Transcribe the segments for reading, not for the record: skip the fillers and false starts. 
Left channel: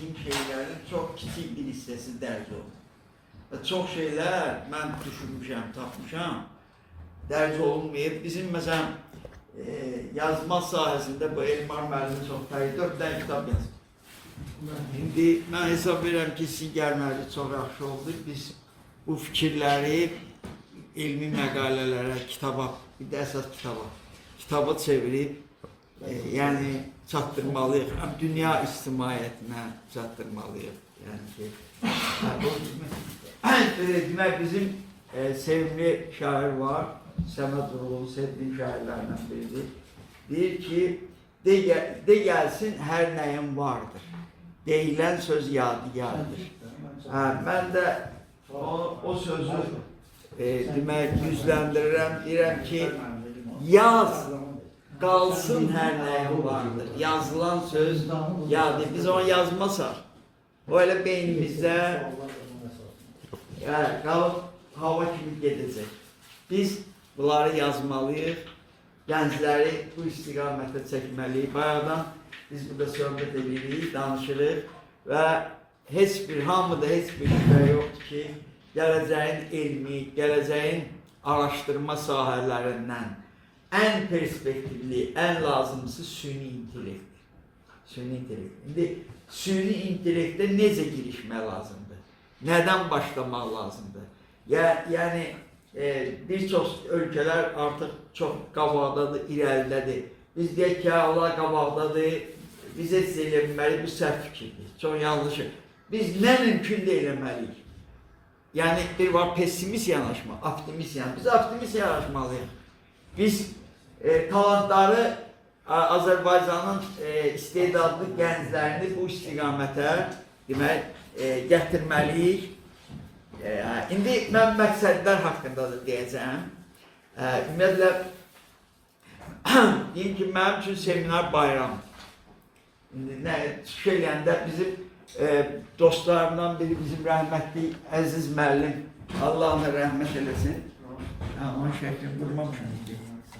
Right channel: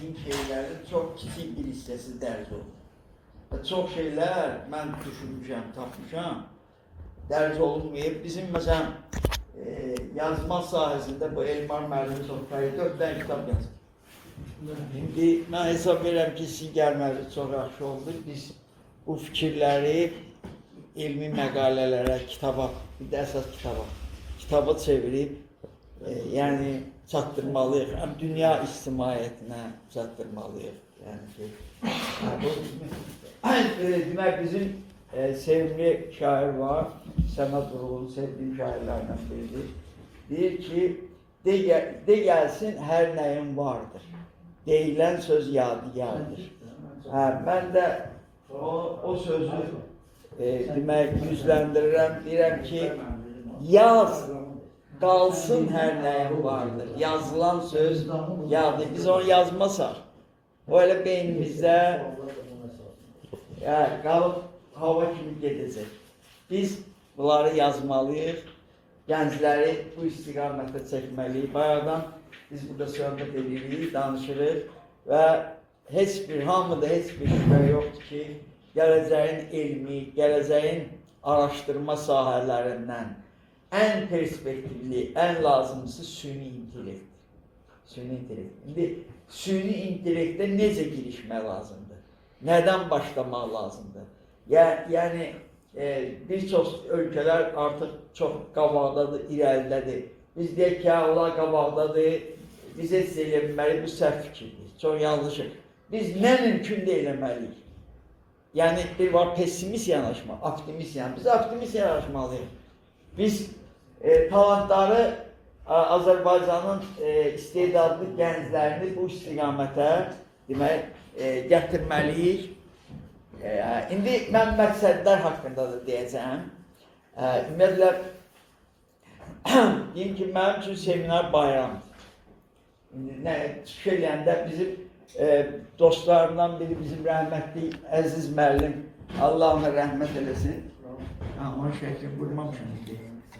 etdiyim şeylərin çox kiçik bir hissəsi dərc oldu. Çox şeylər mən düşünmüşəm, tapmışam, dərc olunmayıb. Bizim məsələn yazma sahəsində bu Elmar müəllimi çox fərqli 4 dənə kitab yazdı. İndi mən hesab verirəm ki, sizin gəlməli çox yaxşı oldu. Biz bu fikirləri elmi məqalələrə, kitaba, bir də əsas kitaba çevirib, yəni çatdırmalıyıq. Dünya ictimaiyyətinə çatdırmalıyıq. Yəni ki, demək bizim sevimli şair var, Səməd Vurğunun sevdiğim şairlərdən biridir. Deyir ki, de gəlsin hər nəyim vardır. Deyilən söz yadigardır. Mən də o sözü demək yüzləndirirəm, deyirəm ki, yaz qalsın hər nəyim vardır. Yazılan söz yadır. Biz onu yazmasaq, o elə beynimizdə qalıb hava kimi gedəcək. Biz bunları yazmalıyıq, gəncləri bu istiqamətə çəkməliyik. Bayaqdan biz burada söhbət edirik, danışırıq və hamıda heç bir şübhə yoxdur ki, gələcəyin elmi, gələcəyin araşdırma sahələrindən ən perspektivli, ən lazımlısı süni intellektdir. Süni intellekt. İndi süni intellektə necə girişmək lazımdır? Nədən başlamaq lazımdır? Yəni, bir çox ölkələr artıq çox qabaqdadır, irəlidədir. Biz deyək ki, Allah qabaqdadır, biz heç eləməli, bu səhv fikirdir, çox yanlışdır. Biz nə mümkün də eləməliyik? Yəni, bir var pessimist yanaşma, optimist yanaşma. Biz optimist yanaşmalıyıq. Biz talantları Azərbaycanın istedadlı gənclərini bu istiqamətə demək, gətirməliyik. İndi mən məqsədlər haqqında da deyəcəm. Ümumiyyətlə, deyim ki, mənim üçün seminar bayramdır. Çıxış eləyəndə bizim dostlarımdan biri bizim rəhmətli Əziz müəllim, Allah ona rəhmət eləsin. Onun şəkil qurmamışım.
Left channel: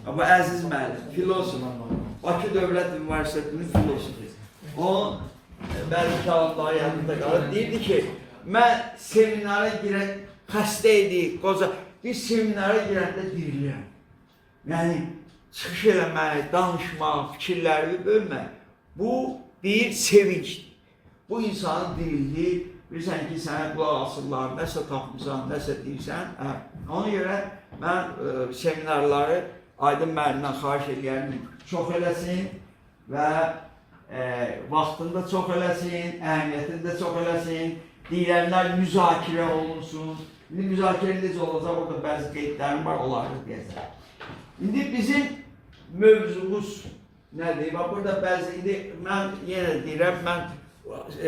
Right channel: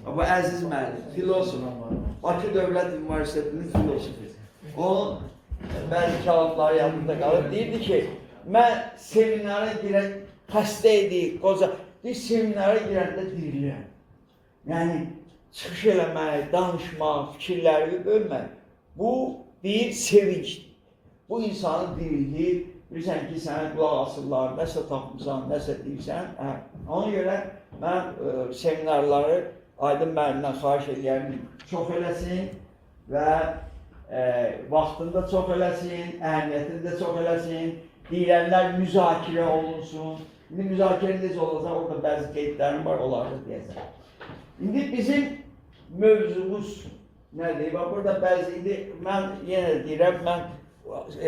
Bu Əziz müəllim, filosof, Bakı Dövlət Üniversitetinin filosofu. Onun bəzi talantları yanında qalır. Deyirdi ki, mən seminara girən, xəstə idi, qoca, bir seminara girəndə dirilirəm. Yəni, çıxış eləmək, danışmaq, fikirləri bölmək, bu bir sevincdir. Bu insanın dirildiyi, bilirsən ki, sənə qulaq asırlar, nəsə tapmışsan, nəsə deyirsən. Ona görə mən seminarları Aydın müəllimdən xahiş edirəm, çox eləsin və vaxtında çox eləsin, əhəmiyyətində çox eləsin, deyilənlər müzakirə olunsun. İndi müzakirə necə olacaq, orada bəzi qeydlərim var, onları deyəcəm. İndi bizim mövzumuz nədir? Burada bəzi, indi mən yenə deyirəm, mən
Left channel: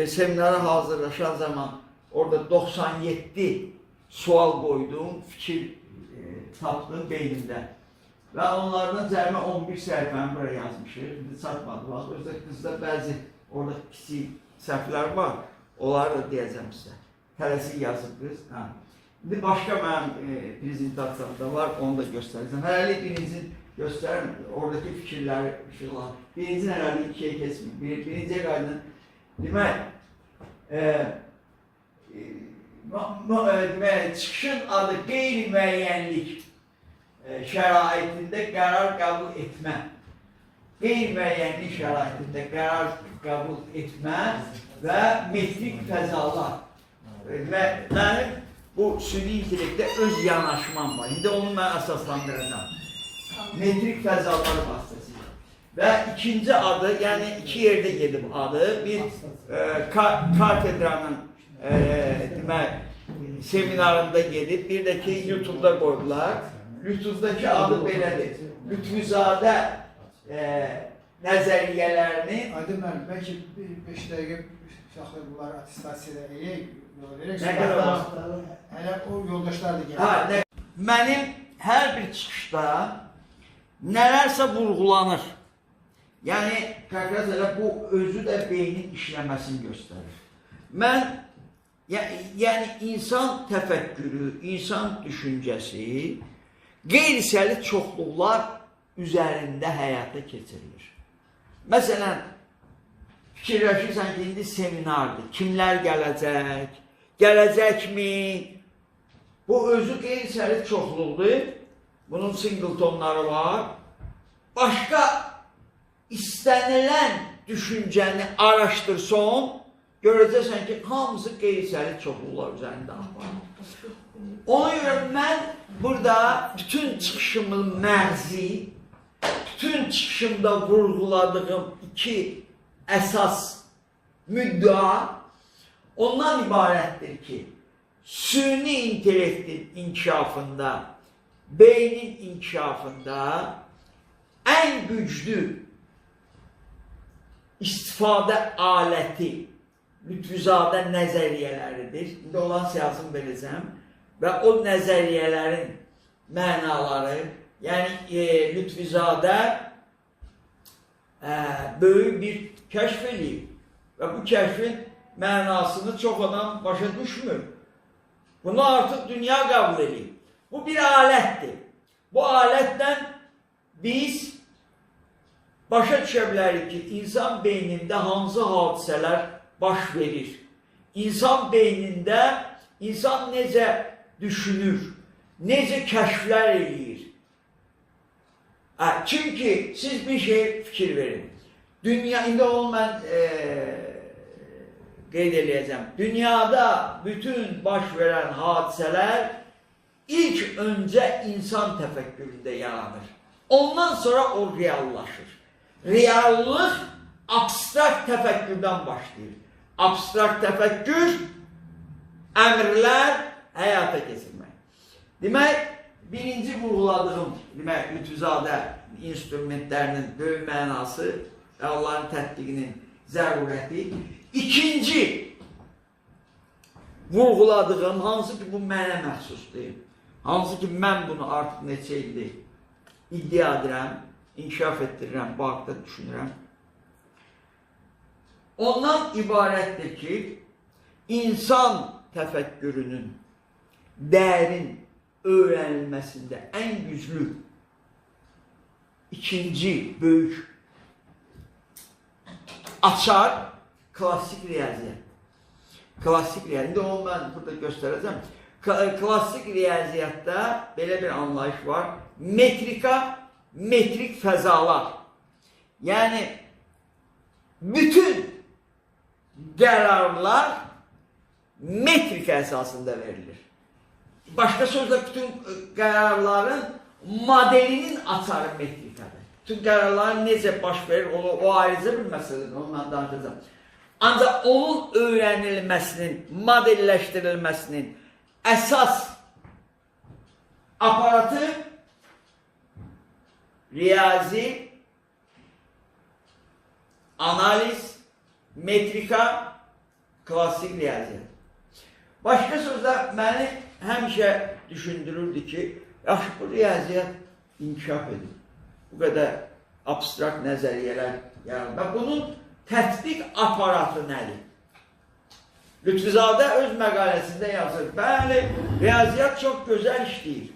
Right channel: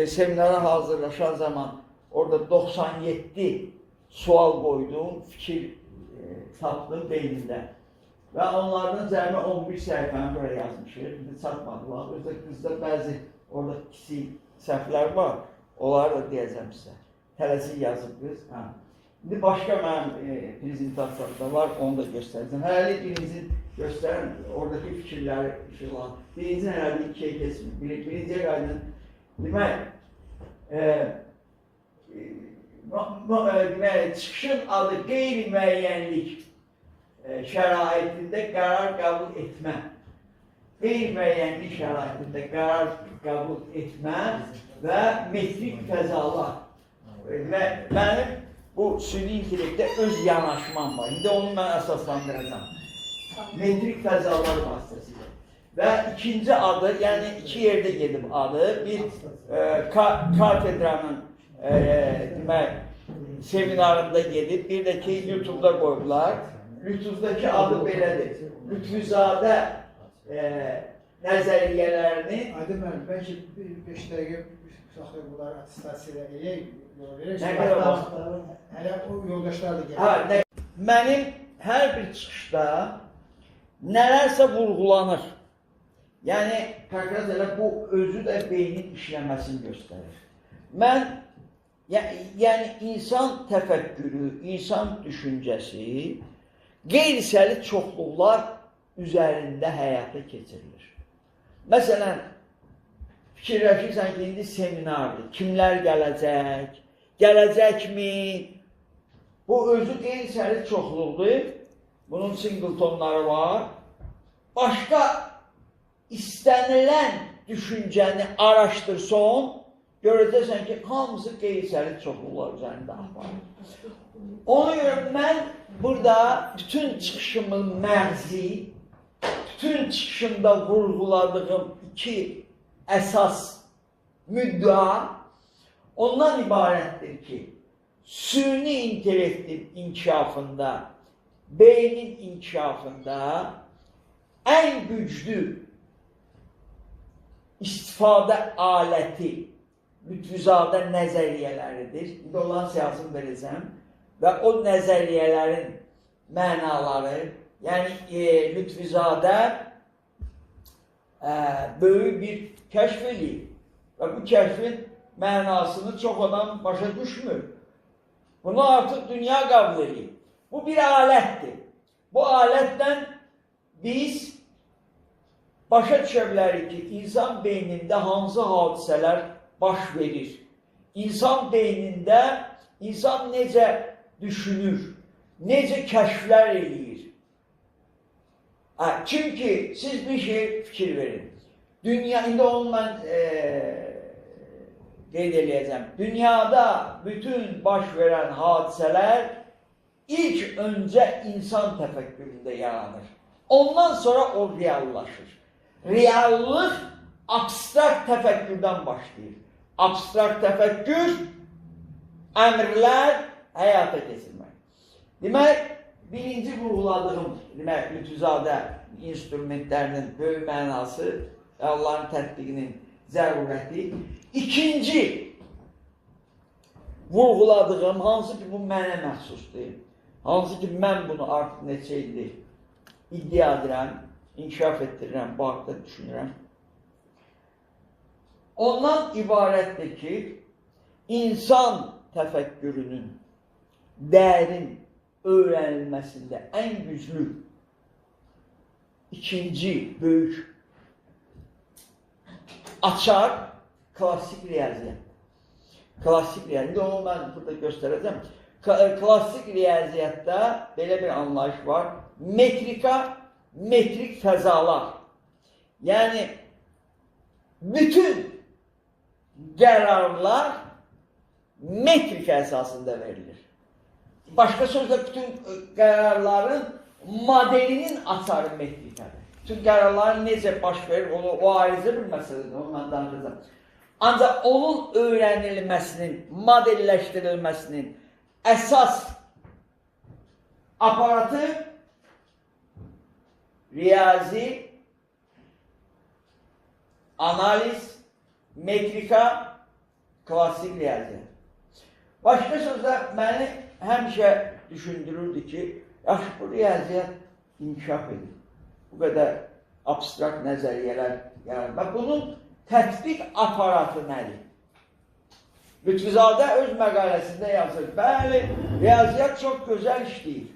seminara hazırlaşan zaman orada 97 sual qoydum, fikir tapdım beynimdə. Və onlardan cəmi 11 səhifəni buraya yazmışıq, indi çatmadı. Özdə qızda bəzi orada kiçik səhvlər var, onları da deyəcəm sizə. Tələsik yazıb qız. İndi başqa mənim prezentasiyamda var, onu da göstərəcəm. Hələlik birinci göstərim, oradakı fikirləri işıqlar. Birinci hələlik ikiyə keçmir. Birinciyə qaydın. Demək, çıxışın adı qeyri-müəyyənlik şəraitində qərar qəbul etmə. Qeyri-müəyyənlik şəraitində qərar qəbul etmə və metrik fəzalar. Və mənim bu süni intellektdə öz yanaşmam var. İndi onu mən əsaslandıracağım. Metrik fəzalar vasitəsilə. Və ikinci adı, yəni iki yerdə gedib adı, bir katedranın seminarında gedib, bir də ki, YouTube'da qoydular. Lütfüzdəki adı belədir. Lütfüzadə nəzəriyyələrini... Aydın müəllim, bəlkə 5 dəqiqə uşaqlar bunları attestasiyada yol verək. Hələ o yoldaşlar da gəlir. Mənim hər bir çıxışda nələrsə vurğulanır. Yəni, təkrar elə bu özü də beynin işləməsini göstərir. Mən, yəni insan təfəkkürü, insan düşüncəsi qeyri-səli çoxluqlar üzərində həyata keçirilir. Məsələn, fikirləşirsən ki, indi seminardır. Kimlər gələcək? Gələcəkmi? Bu özü qeyri-səlit çoxluqdur. Bunun singletonları var. Başqa istənilən düşüncəni araşdırsan, görəcəksən ki, hamısı qeyri-səlit çoxluqlar üzərində var. Ona görə mən burada bütün çıxışımın məğzi, bütün çıxışımda vurğuladığım iki əsas müddəa ondan ibarətdir ki, süni intellektin inkişafında, beynin inkişafında ən güclü istifadə aləti Lütfüzadə nəzəriyyələridir. İndi olan siyasını verəcəm və o nəzəriyyələrin mənaları, yəni Lütfüzadə böyük bir kəşf edib və bu kəşfin mənasını çox adam başa düşmür. Bunu artıq dünya qəbul edib. Bu bir alətdir. Bu alətdən biz başa düşə bilərik ki, insan beynində hansı hadisələr baş verir. İnsan beynində insan necə düşünür, necə kəşflər eləyir. Çünki siz bir şey fikir verin. Dünya, indi onu mən qeyd eləyəcəm. Dünyada bütün baş verən hadisələr ilk öncə insan təfəkküründə yaranır. Ondan sonra o reallaşır. Reallıq abstrakt təfəkkürdən başlayır. Abstrakt təfəkkür, əmrlər həyata keçirmək. Demək, birinci vurğuladığım, demək, Lütfüzadə instrumentlərinin böyük mənası və onların tətbiqinin zərurəti. İkinci vurğuladığım, hansı ki bu mənə məxsusdur, hansı ki mən bunu artıq neçə ildir iddia edirəm, inkişaf etdirirəm, bu haqda düşünürəm. Ondan ibarətdir ki, insan təfəkkürünün dərin öyrənilməsində ən güclü ikinci böyük açar klassik riyaziyyat. Klassik riyaziyyat, onu mən burada göstərəcəm. Klassik riyaziyyatda belə bir anlayış var. Metrika, metrik fəzalar. Yəni, bütün qərarlar metrika əsasında verilir. Başqa sözlə, bütün qərarların modelinin açarı metrikadır. Bütün qərarların necə baş verir, o ayrıca bir məsələdir, onu mən danışacağım. Ancaq onun öyrənilməsinin, modelləşdirilməsinin əsas aparatı riyazi, analiz, metrika, klassik riyaziyyat. Başqa sözlə, məni həmişə düşündürürdü ki, yaxşı, bu riyaziyyat inkişaf edir. Bu qədər abstrakt nəzəriyyələr yaranır. Və bunun tətbiq aparatı nədir? Lütfüzadə öz məqaləsində yazır. Bəli, riyaziyyat çox gözəl işləyir.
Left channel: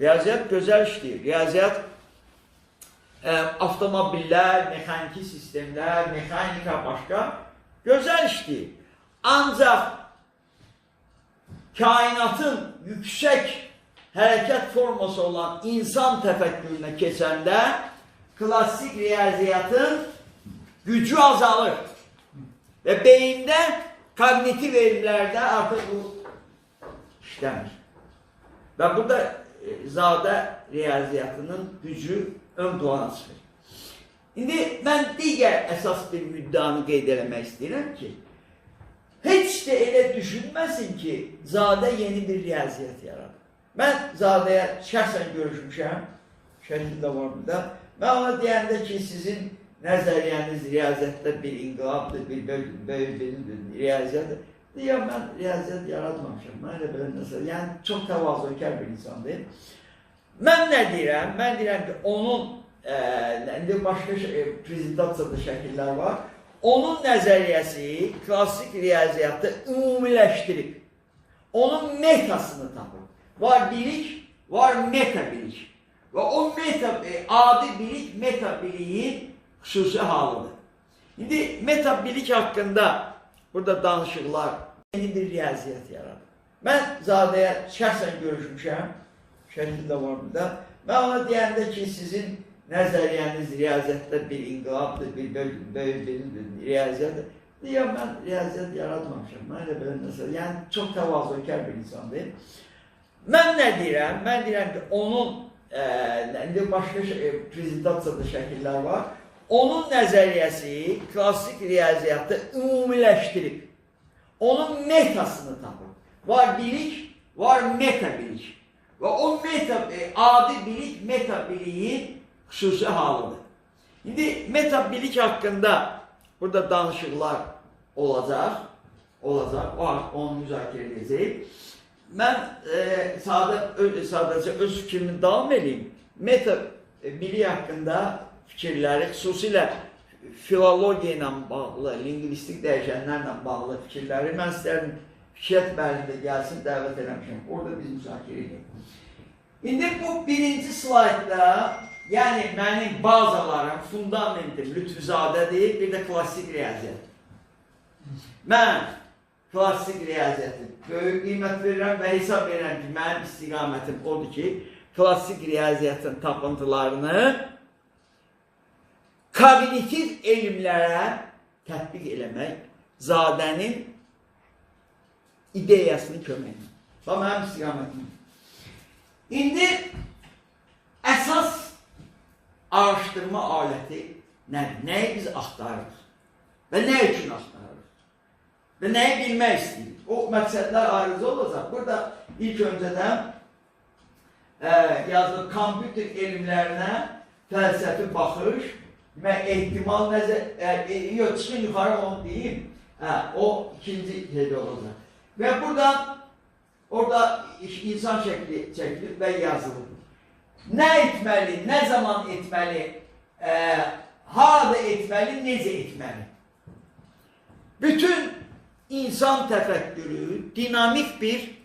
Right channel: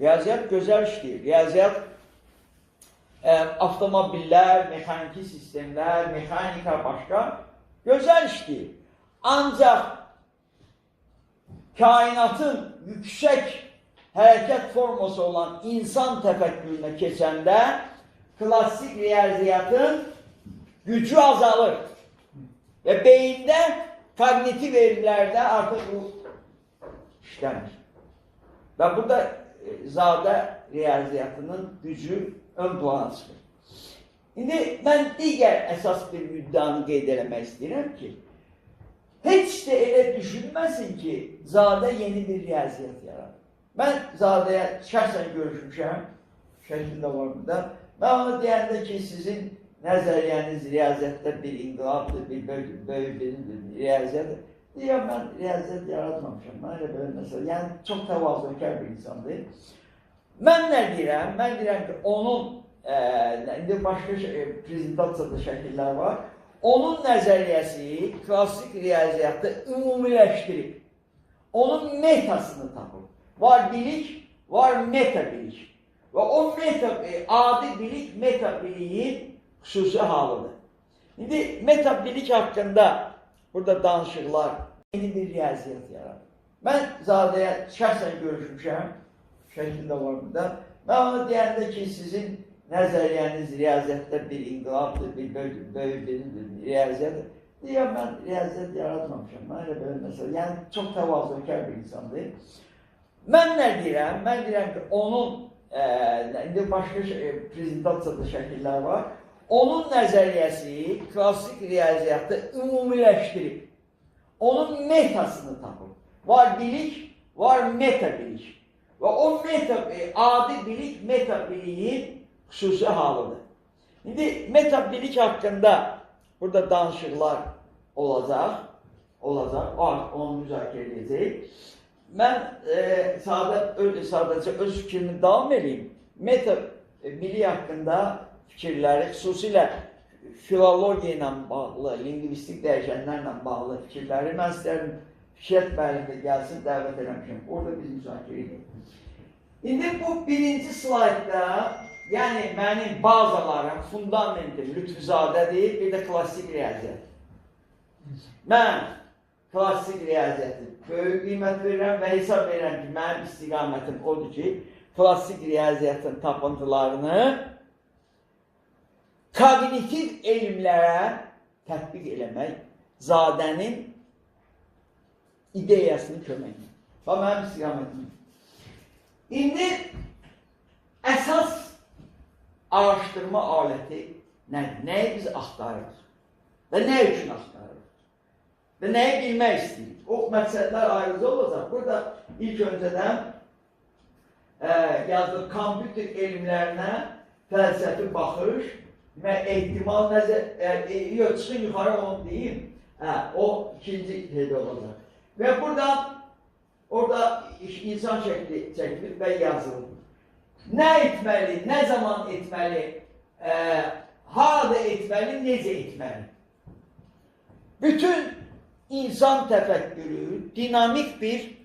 Riyaziyyat gözəl işləyir. Riyaziyyat avtomobillər, mexaniki sistemlər, mexanika başqa gözəl işləyir. Ancaq kainatın yüksək hərəkət forması olan insan təfəkkürünə keçəndə klassik riyaziyyatın gücü azalır. Və beyində kognitiv elmlərdə artıq bu işləmir. Və burada zadə riyaziyyatının gücü ön plana çıxır. İndi mən digər əsas bir müddanı qeyd eləmək istəyirəm ki, heç də elə düşünməsin ki, zadə yeni bir riyaziyyat yaradır. Mən zadəyə şəxsən görüşmüşəm, şəkildə var burada. Mən ona deyəndə ki, sizin nəzəriyyəniz riyaziyyatda bir inqilabdır, bir böyük bir riyaziyyatdır. Deyəm, mən riyaziyyat yaratmamışam, mən elə belə məsələ, yəni çox təvazökar bir insandır. Mən nə deyirəm? Mən deyirəm ki, onun, indi başqa prezentasiyada şəkillər var, onun nəzəriyyəsi klassik riyaziyyatı ümumiləşdirib, onun metasını tapır. Var bilik, var meta bilik. Və o adi bilik, meta biliyin xüsusi halıdır. İndi metabilik haqqında burada danışıqlar yeni bir riyaziyyat yaradır. Mən Zadəyə şəxsən görüşmüşəm, şəkildə var burada. Mən ona deyəndə ki, sizin nəzəriyyəniz riyaziyyatda bir inqilabdır, bir böyük bir riyaziyyatdır. Deyəm, mən riyaziyyat yaratmamışam, mən elə belə məsələ, yəni çox təvazökar bir insandır. Mən nə deyirəm? Mən deyirəm ki, onun, indi başqa prezentasiyada şəkillər var, onun nəzəriyyəsi klassik riyaziyyatı ümumiləşdirib, onun metasını tapır. Var bilik, var meta bilik. Ve o adi bilik meta biliğin xüsusi halıdır. Şimdi meta bilik hakkında burada danışıqlar olacaq, onu müzakirə edəcəyik. Mən sadəcə öz fikrimi davam edeyim. Meta bilik hakkında fikirləri, xüsusilə filologiya ilə bağlı, lingvistik dəyişənlərlə bağlı fikirləri mən istərdim Fikrət müəllim də gəlsin, dəvət eləmişəm. Orada biz müzakirə edək. İndi bu birinci slaydda, yəni mənim bazalarım, fundamentim Lütfüzadədir, bir də klassik riyaziyyat. Mən klassik riyaziyyatı böyük qiymət verirəm və hesab verirəm ki, mənim istiqamətim odur ki, klassik riyaziyyatın tapıntılarını kognitiv elmlərə tətbiq eləmək Zadənin ideyasını köməklə. Və mənim istiqamətim. İndi əsas araşdırma aləti nədir? Nəyi biz axtarırıq? Və nə üçün axtarırıq? Və nəyi bilmək istəyirik? O məqsədlər ayrıca olacaq. Burada ilk öncədən yazılıb kompüter elmlərinə fəlsəfi baxış və ehtimal nəzər, yox, çıxın yuxarı onu deyim. O ikinci şeydə olacaq. Ve orada insan şekli çekilir ve yazılır. Ne etmeli, ne zaman etmeli, harada etmeli, nece etmeli. Bütün insan tefekkürü dinamik bir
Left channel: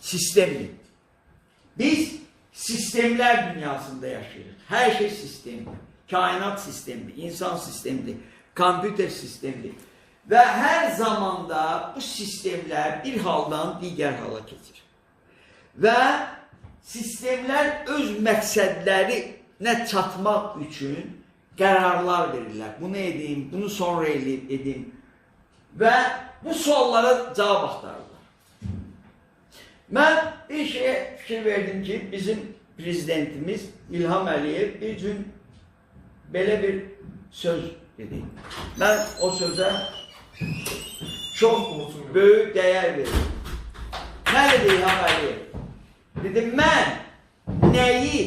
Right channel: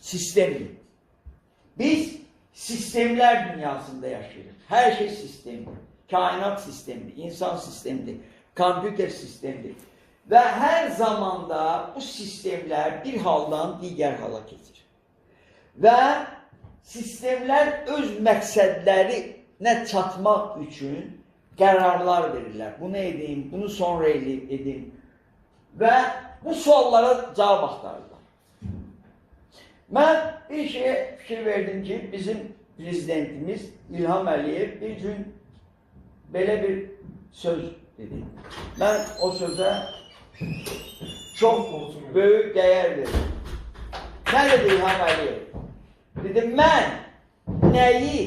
sistemdir. Biz sistemler dünyasında yaşıyoruz. Her şey sistemdir. Kainat sistemidir, insan sistemidir, kompüter sistemidir. Ve her zamanda bu sistemler bir haldan diğer hala keçir. Ve sistemler öz məqsədlərinə çatmaq üçün qərarlar verirlər. Bunu edeyim, bunu sonra edeyim. Ve bu suallara cavab axtarırlar. Ben bir şeye fikir verdim ki, bizim prezidentimiz İlham Əliyev bir gün belə bir söz dedi. Ben o söze çok büyük değer verir. Ne dedi İlham Əliyev? Dedim, mən nəyi,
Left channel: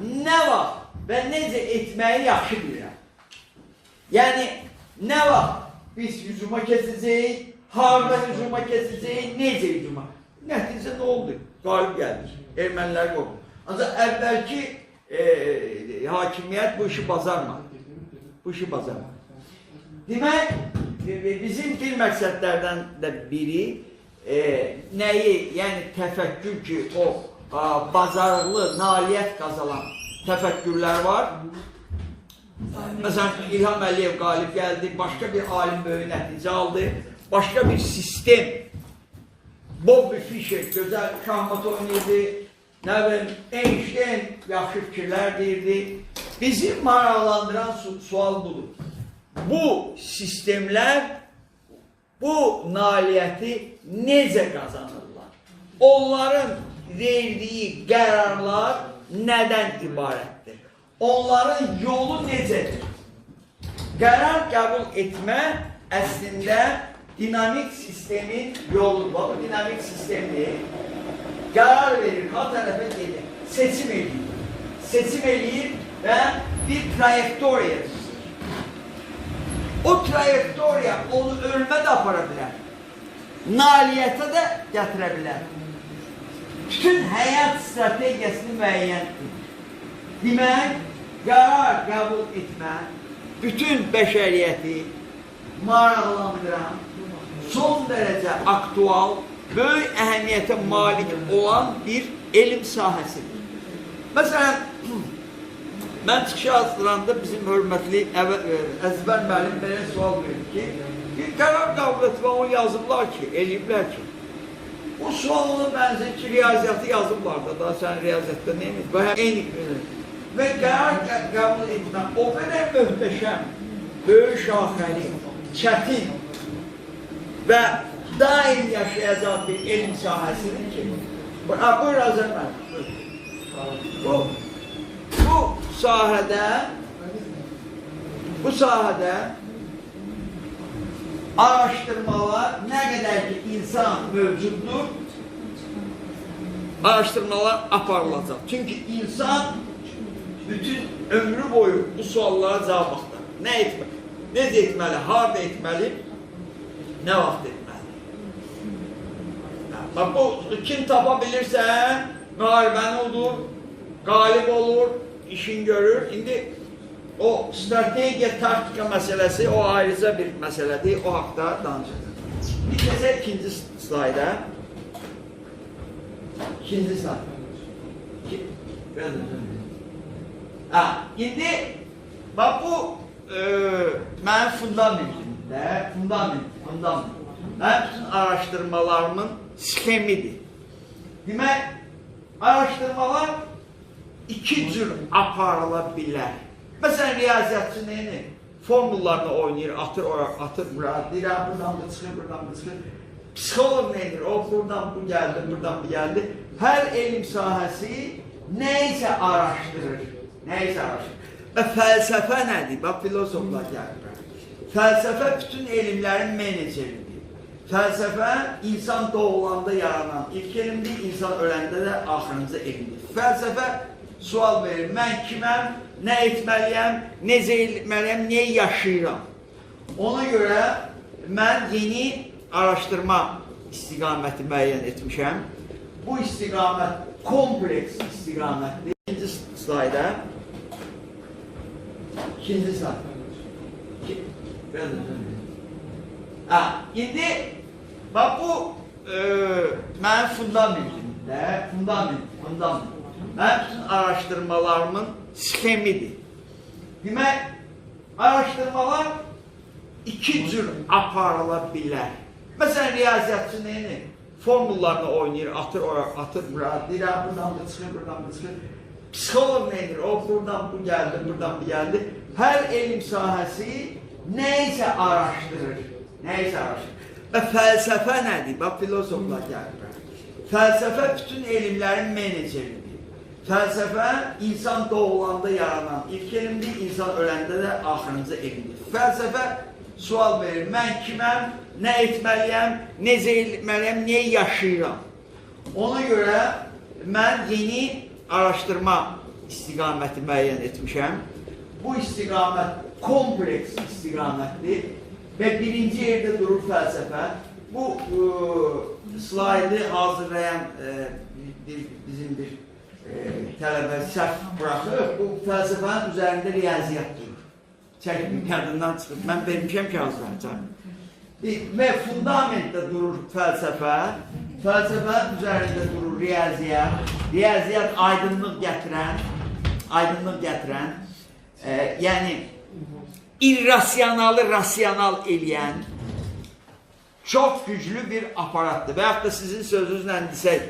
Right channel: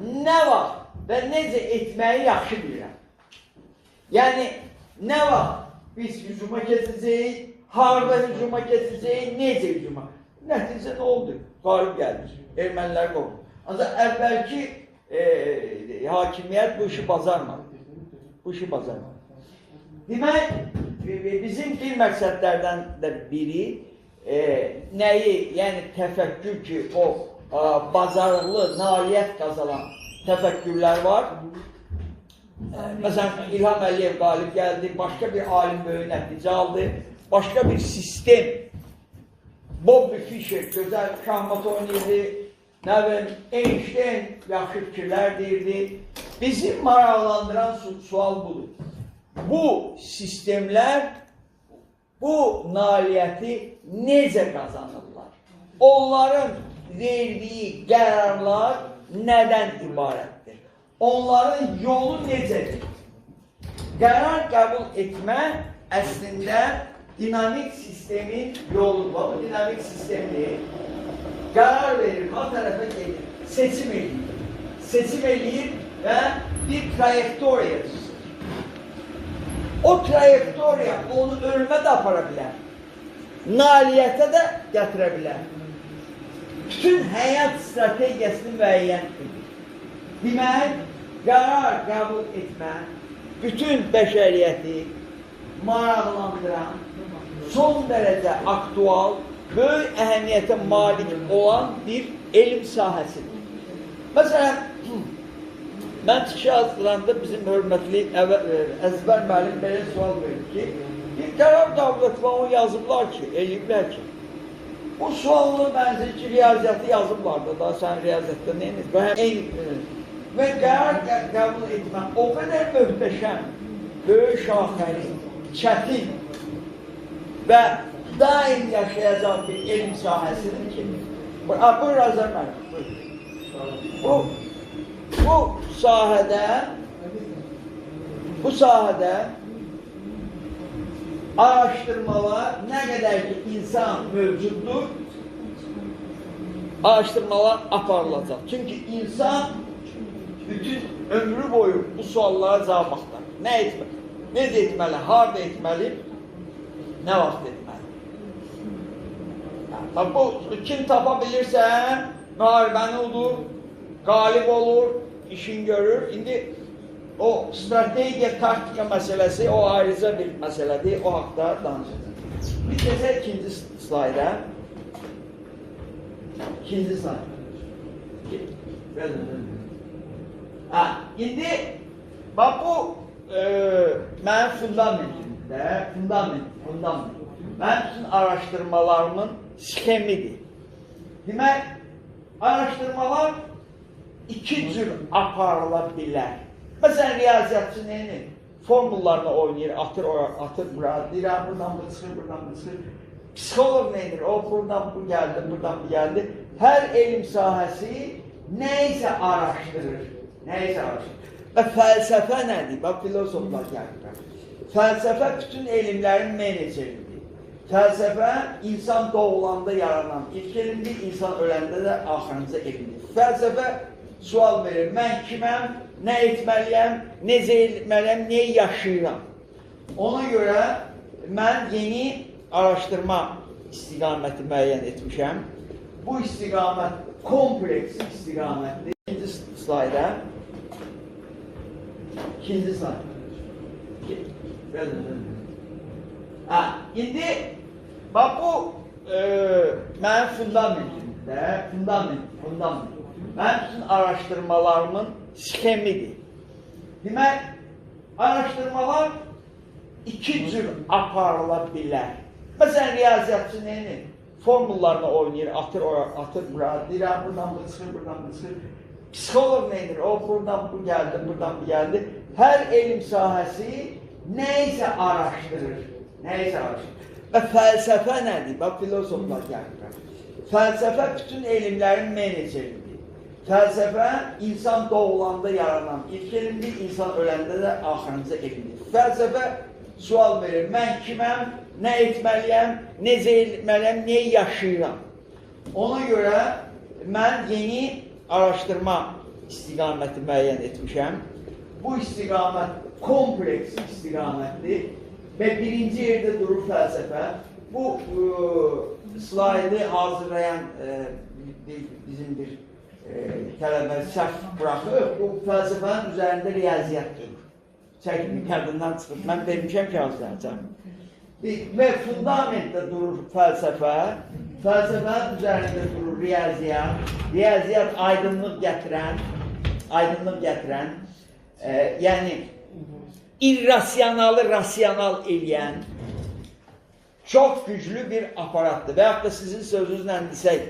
nə vaxt və necə etməyi yaxşı bilirəm. Yəni, nə vaxt biz hücuma keçəcəyik, harada hücuma keçəcəyik, necə hücuma. Nəticə nə oldu? Qalib gəldik, ermənilər oldu. Ancaq əvvəlki hakimiyyət bu işi bazarmadı. Demək, bizim bir məqsədlərdən də biri nəyi, yəni təfəkkür ki, o bazarlı, nailiyyət qazanan təfəkkürlər var. Məsələn, İlham Əliyev qalib gəldi, başqa bir alim böyük nəticə aldı, başqa bir sistem. Bobby Fischer gözəl şahmat oynayırdı, Einstein yaxşı fikirlər deyirdi. Bizi maraqlandıran sual budur. Bu sistemler bu nailiyyəti necə qazanırlar? Onların verdiyi qərarlar nədən ibarətdir? Onların yolu necədir? Qərar qəbul etmə əslində dinamik sistemin yoludur. Bu dinamik sistemdir. Qərar verir, ha tərəfə gedir, seçim edir və bir trayektoriya tutur. O trayektoriya onu ölmə də apara bilər. Nailiyyətə də gətirə bilər. Bütün həyat strategiyasını müəyyən edir. Demək, qərar qəbul etmə, bütün bəşəriyyəti maraqlandıran, son dərəcə aktual, böyük əhəmiyyətə malik olan bir elm sahəsidir. Məsələn, Mən çıxış hazırlanda bizim hörmətli Əzbər müəllim belə sual verir ki, bir qərar qəbul etmə onu yazıblar ki, eləyiblər ki, bu suallı bənzər ki, riyaziyyatı yazıblar da, daha sən riyaziyyatda neyiniz? Bu həm eyni və qərar qəbul etmə o qədər möhtəşəm, böyük şaxəli, çətin və daim yaşayacaq bir elm sahəsidir ki, buyur Azər müəllim, bu sahədə araştırmalar nə qədər ki insan mövcuddur, araştırmalar aparılacaq. Çünki insan bütün ömrü boyu bu suallara cavab axtarır. Nə etməli? Necə etməli? Harda etməli? Nə vaxt etməli? Bu kim tapa bilirsə, müharibəni odur, qalib olur, işin görür. İndi o strategiya, taktika məsələsi o ayrıca bir məsələdir, o haqda danışacaq. Bir kəsə ikinci slayda. İkinci slayd. İndi bax bu mənim fundamentimdə, fundament. Mənim bütün araşdırmalarımın sxemidir. Demək, araşdırmalar iki cür aparıla bilər. Məsələn, riyaziyyatçı neyini? Formullarını oynayır, atır bura, deyirəm, buradan bu çıxır, buradan bu çıxır. Psixolog neydir? O, buradan bu gəldi, buradan bu gəldi. Hər elm sahəsi neysə araşdırır. Və fəlsəfə nədir? Bax, filosoflar gəlir. Fəlsəfə bütün elmlərin meneceridir. Fəlsəfə insan doğulanda yaranan ilk elmdir, insan öləndə də axırıncı elmdir. Fəlsəfə sual verir, mən kiməm, nə etməliyəm, necə etməliyəm, niyə yaşayıram? Ona görə mən yeni araşdırma istiqaməti müəyyən etmişəm. Bu istiqamət kompleks istiqamətdir. İkinci slayda. İndi bax bu mənim fundamentimdə, fundament. Mənim bütün araşdırmalarımın sxemidir. Demək, araşdırmalar iki cür aparıla bilər. Məsələn, riyaziyyatçı neyini? Formullarını oynayır, atır bura, deyirəm, buradan bu çıxır, buradan bu çıxır. Psixolog neydir? O, buradan bu gəldi, buradan bu gəldi. Hər elm sahəsi neysə araşdırır. Və fəlsəfə nədir? Bax, filosoflar gəlir. Fəlsəfə bütün elmlərin meneceridir. Fəlsəfə insan doğulanda yaranan ilk elmdir, insan öləndə də axırıncı elmdir. Fəlsəfə sual verir, mən kiməm, nə etməliyəm, necə etməliyəm, niyə yaşayıram? Ona görə mən yeni araşdırma istiqaməti müəyyən etmişəm. Bu istiqamət kompleks istiqamətdir və birinci yerdə durur fəlsəfə. Bu slaydı hazırlayan bizim bir tələbə səhv buraxıb, bu fəlsəfənin üzərində riyaziyyat durur. Çəkimi kadından çıxıb, mən vermişəm ki hazırlayacaq. Və fundamentdə durur fəlsəfə, fəlsəfənin üzərində durur riyaziyyat, riyaziyyat aydınlıq gətirən, yəni irrasyonalı rasyonal eləyən çox güclü bir aparatdır. Və yaxud da sizin sözünüzlə desək,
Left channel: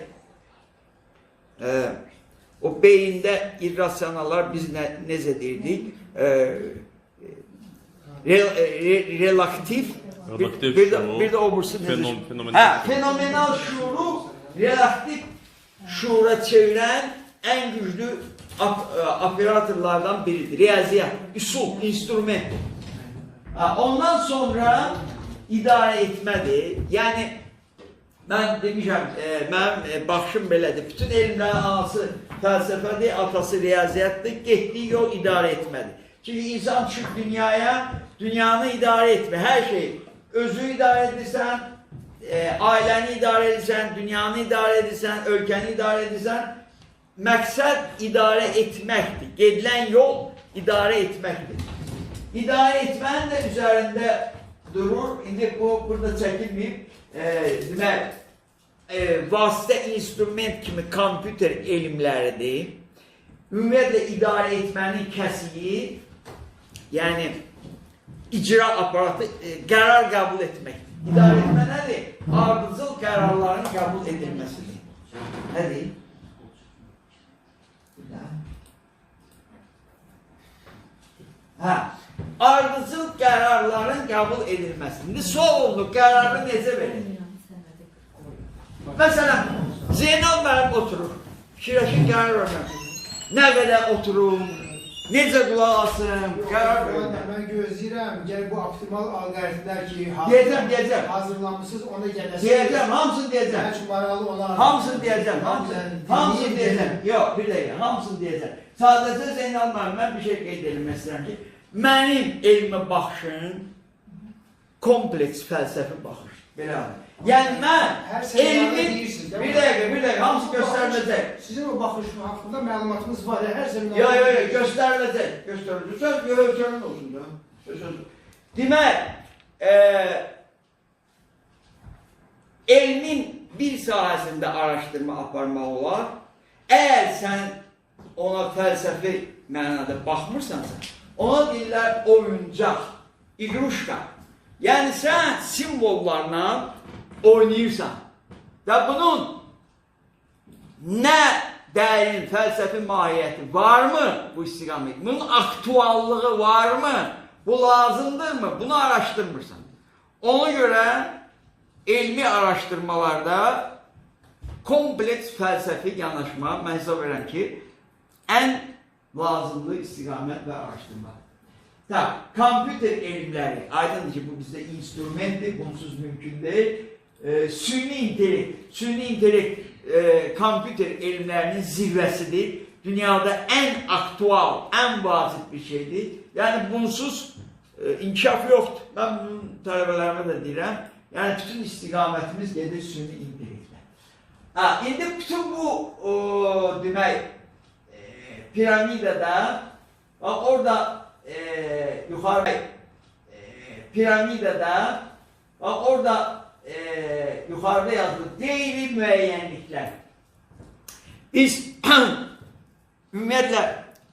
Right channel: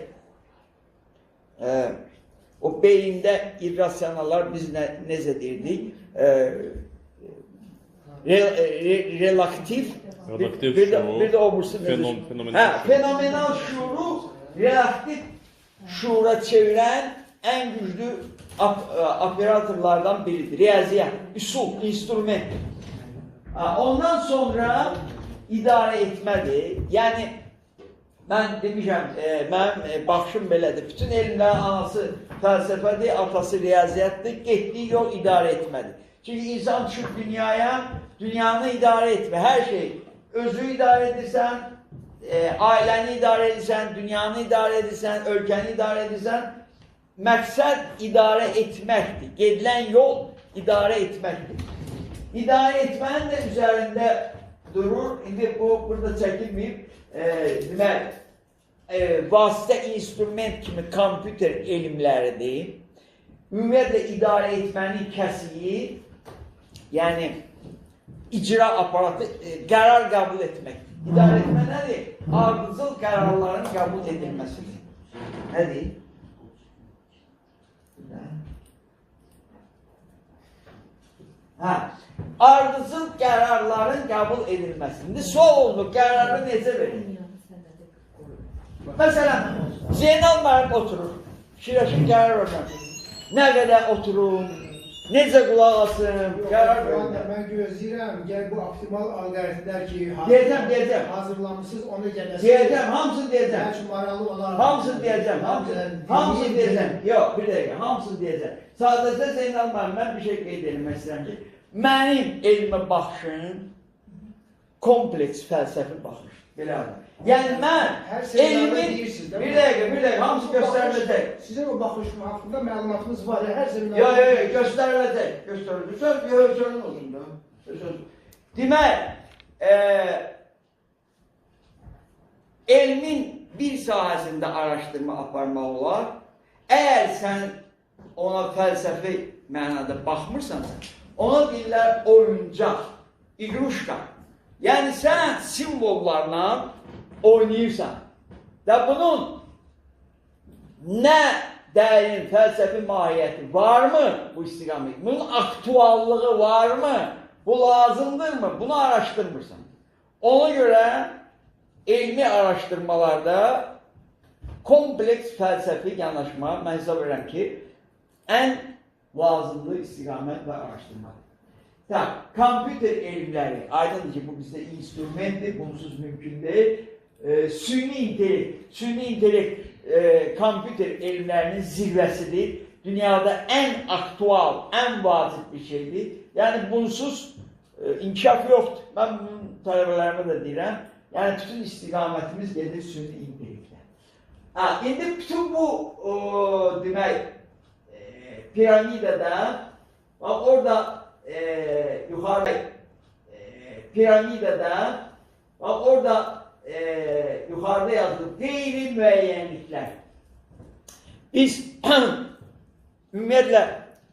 o beyində irrasyonalar biz necə deyirdik? Relaktiv, bir de obursu fenomenal şuuru relaktif şuura çeviren en güçlü operatorlardan biridir. Riyaziyyat, üsul, instrument. Ondan sonra idare etmədir. Yəni, mən demişəm, mənim baxışım belədir. Bütün elmlərin anası fəlsəfədir, atası riyaziyyatdır, getdiyi yol idarə etmədir. Çünki insan düşüb dünyaya, dünyanı idarə etmə, hər şey. Özü idarə edirsən, ailəni idarə edirsən, dünyanı idarə edirsən, ölkəni idarə edirsən. Məqsəd idarə etməkdir. Gedilən yol idarə etməkdir. İdarə etmənin də üzərində durur. İndi bu, burada çəkilməyib. Demək, vasitə instrument kimi kompüter elmləridir. ümumiyyətlə idarə etmənin kəsiyi, yəni icra aparatı qərar qəbul etmək. İdarə etmə nədir? Ardıcıl qərarların qəbul edilməsidir. Nədir? Hə, ardıcıl qərarların qəbul edilməsi. İndi sual oldu, qərarı necə verir? Məsələn, Zeynal müəllim oturur, fikirləşir qərar vermək. Nə qədər oturum, necə qulaq asım, qərar vermək. Mən gözləyirəm, gəl bu optimal alqoritmlər ki, Deyəcəm. hazırlanmışsınız, ona gələsiniz. Deyəcəm, hamısını deyəcəm. Bəlkə maraqlı olar. Hamısını deyəcəm, hamısını deyəcəm. Yox, bir dəqiqə, hamısını deyəcəm. Sadəcə Zeynal müəllim, mən bir şey qeyd etmək istəyirəm ki, mənim elmə baxışım kompleks fəlsəfi baxış. Belədir. Yəni mən elmin, bir dəqiqə, hamısı göstəriləcək. Sizin o baxış haqqında məlumatınız var, hər seminarda. Yox, göstəriləcək. Göstəriləcək. Söz görün olsun da. Demək, elmin bir sahəsində araşdırma aparmaq olar. Əgər sən ona fəlsəfi mənada baxmırsansa, ona deyirlər oyuncaq, igruşka. Yəni sən simvollarla oynayırsan və bunun nə dərin fəlsəfi mahiyyəti varmı bu istiqamət? Bunun aktuallığı varmı? Bu lazımdırmı? Bunu araşdırmırsan. Ona görə elmi araşdırmalarda kompleks fəlsəfi yanaşma mən hesab edirəm ki, ən lazımlı istiqamət və araşdırmadır. Kompüter elmləri, aydındır ki, bu bizdə instrumentdir, bunsuz mümkün deyil. Süni intellekt kompüter elmlərinin zirvəsidir. Dünyada ən aktual, ən vacib bir şeydir. Yəni bunsuz inkişaf yoxdur. Mən bunun tələbələrimə də deyirəm. Yəni bütün istiqamətimiz gedir süni intellektlə. İndi bütün bu demək piramidada orada yukarıda piramidada bak orada yukarıda yazılı değeri müeyyenlikler. Biz ümumiyyətlə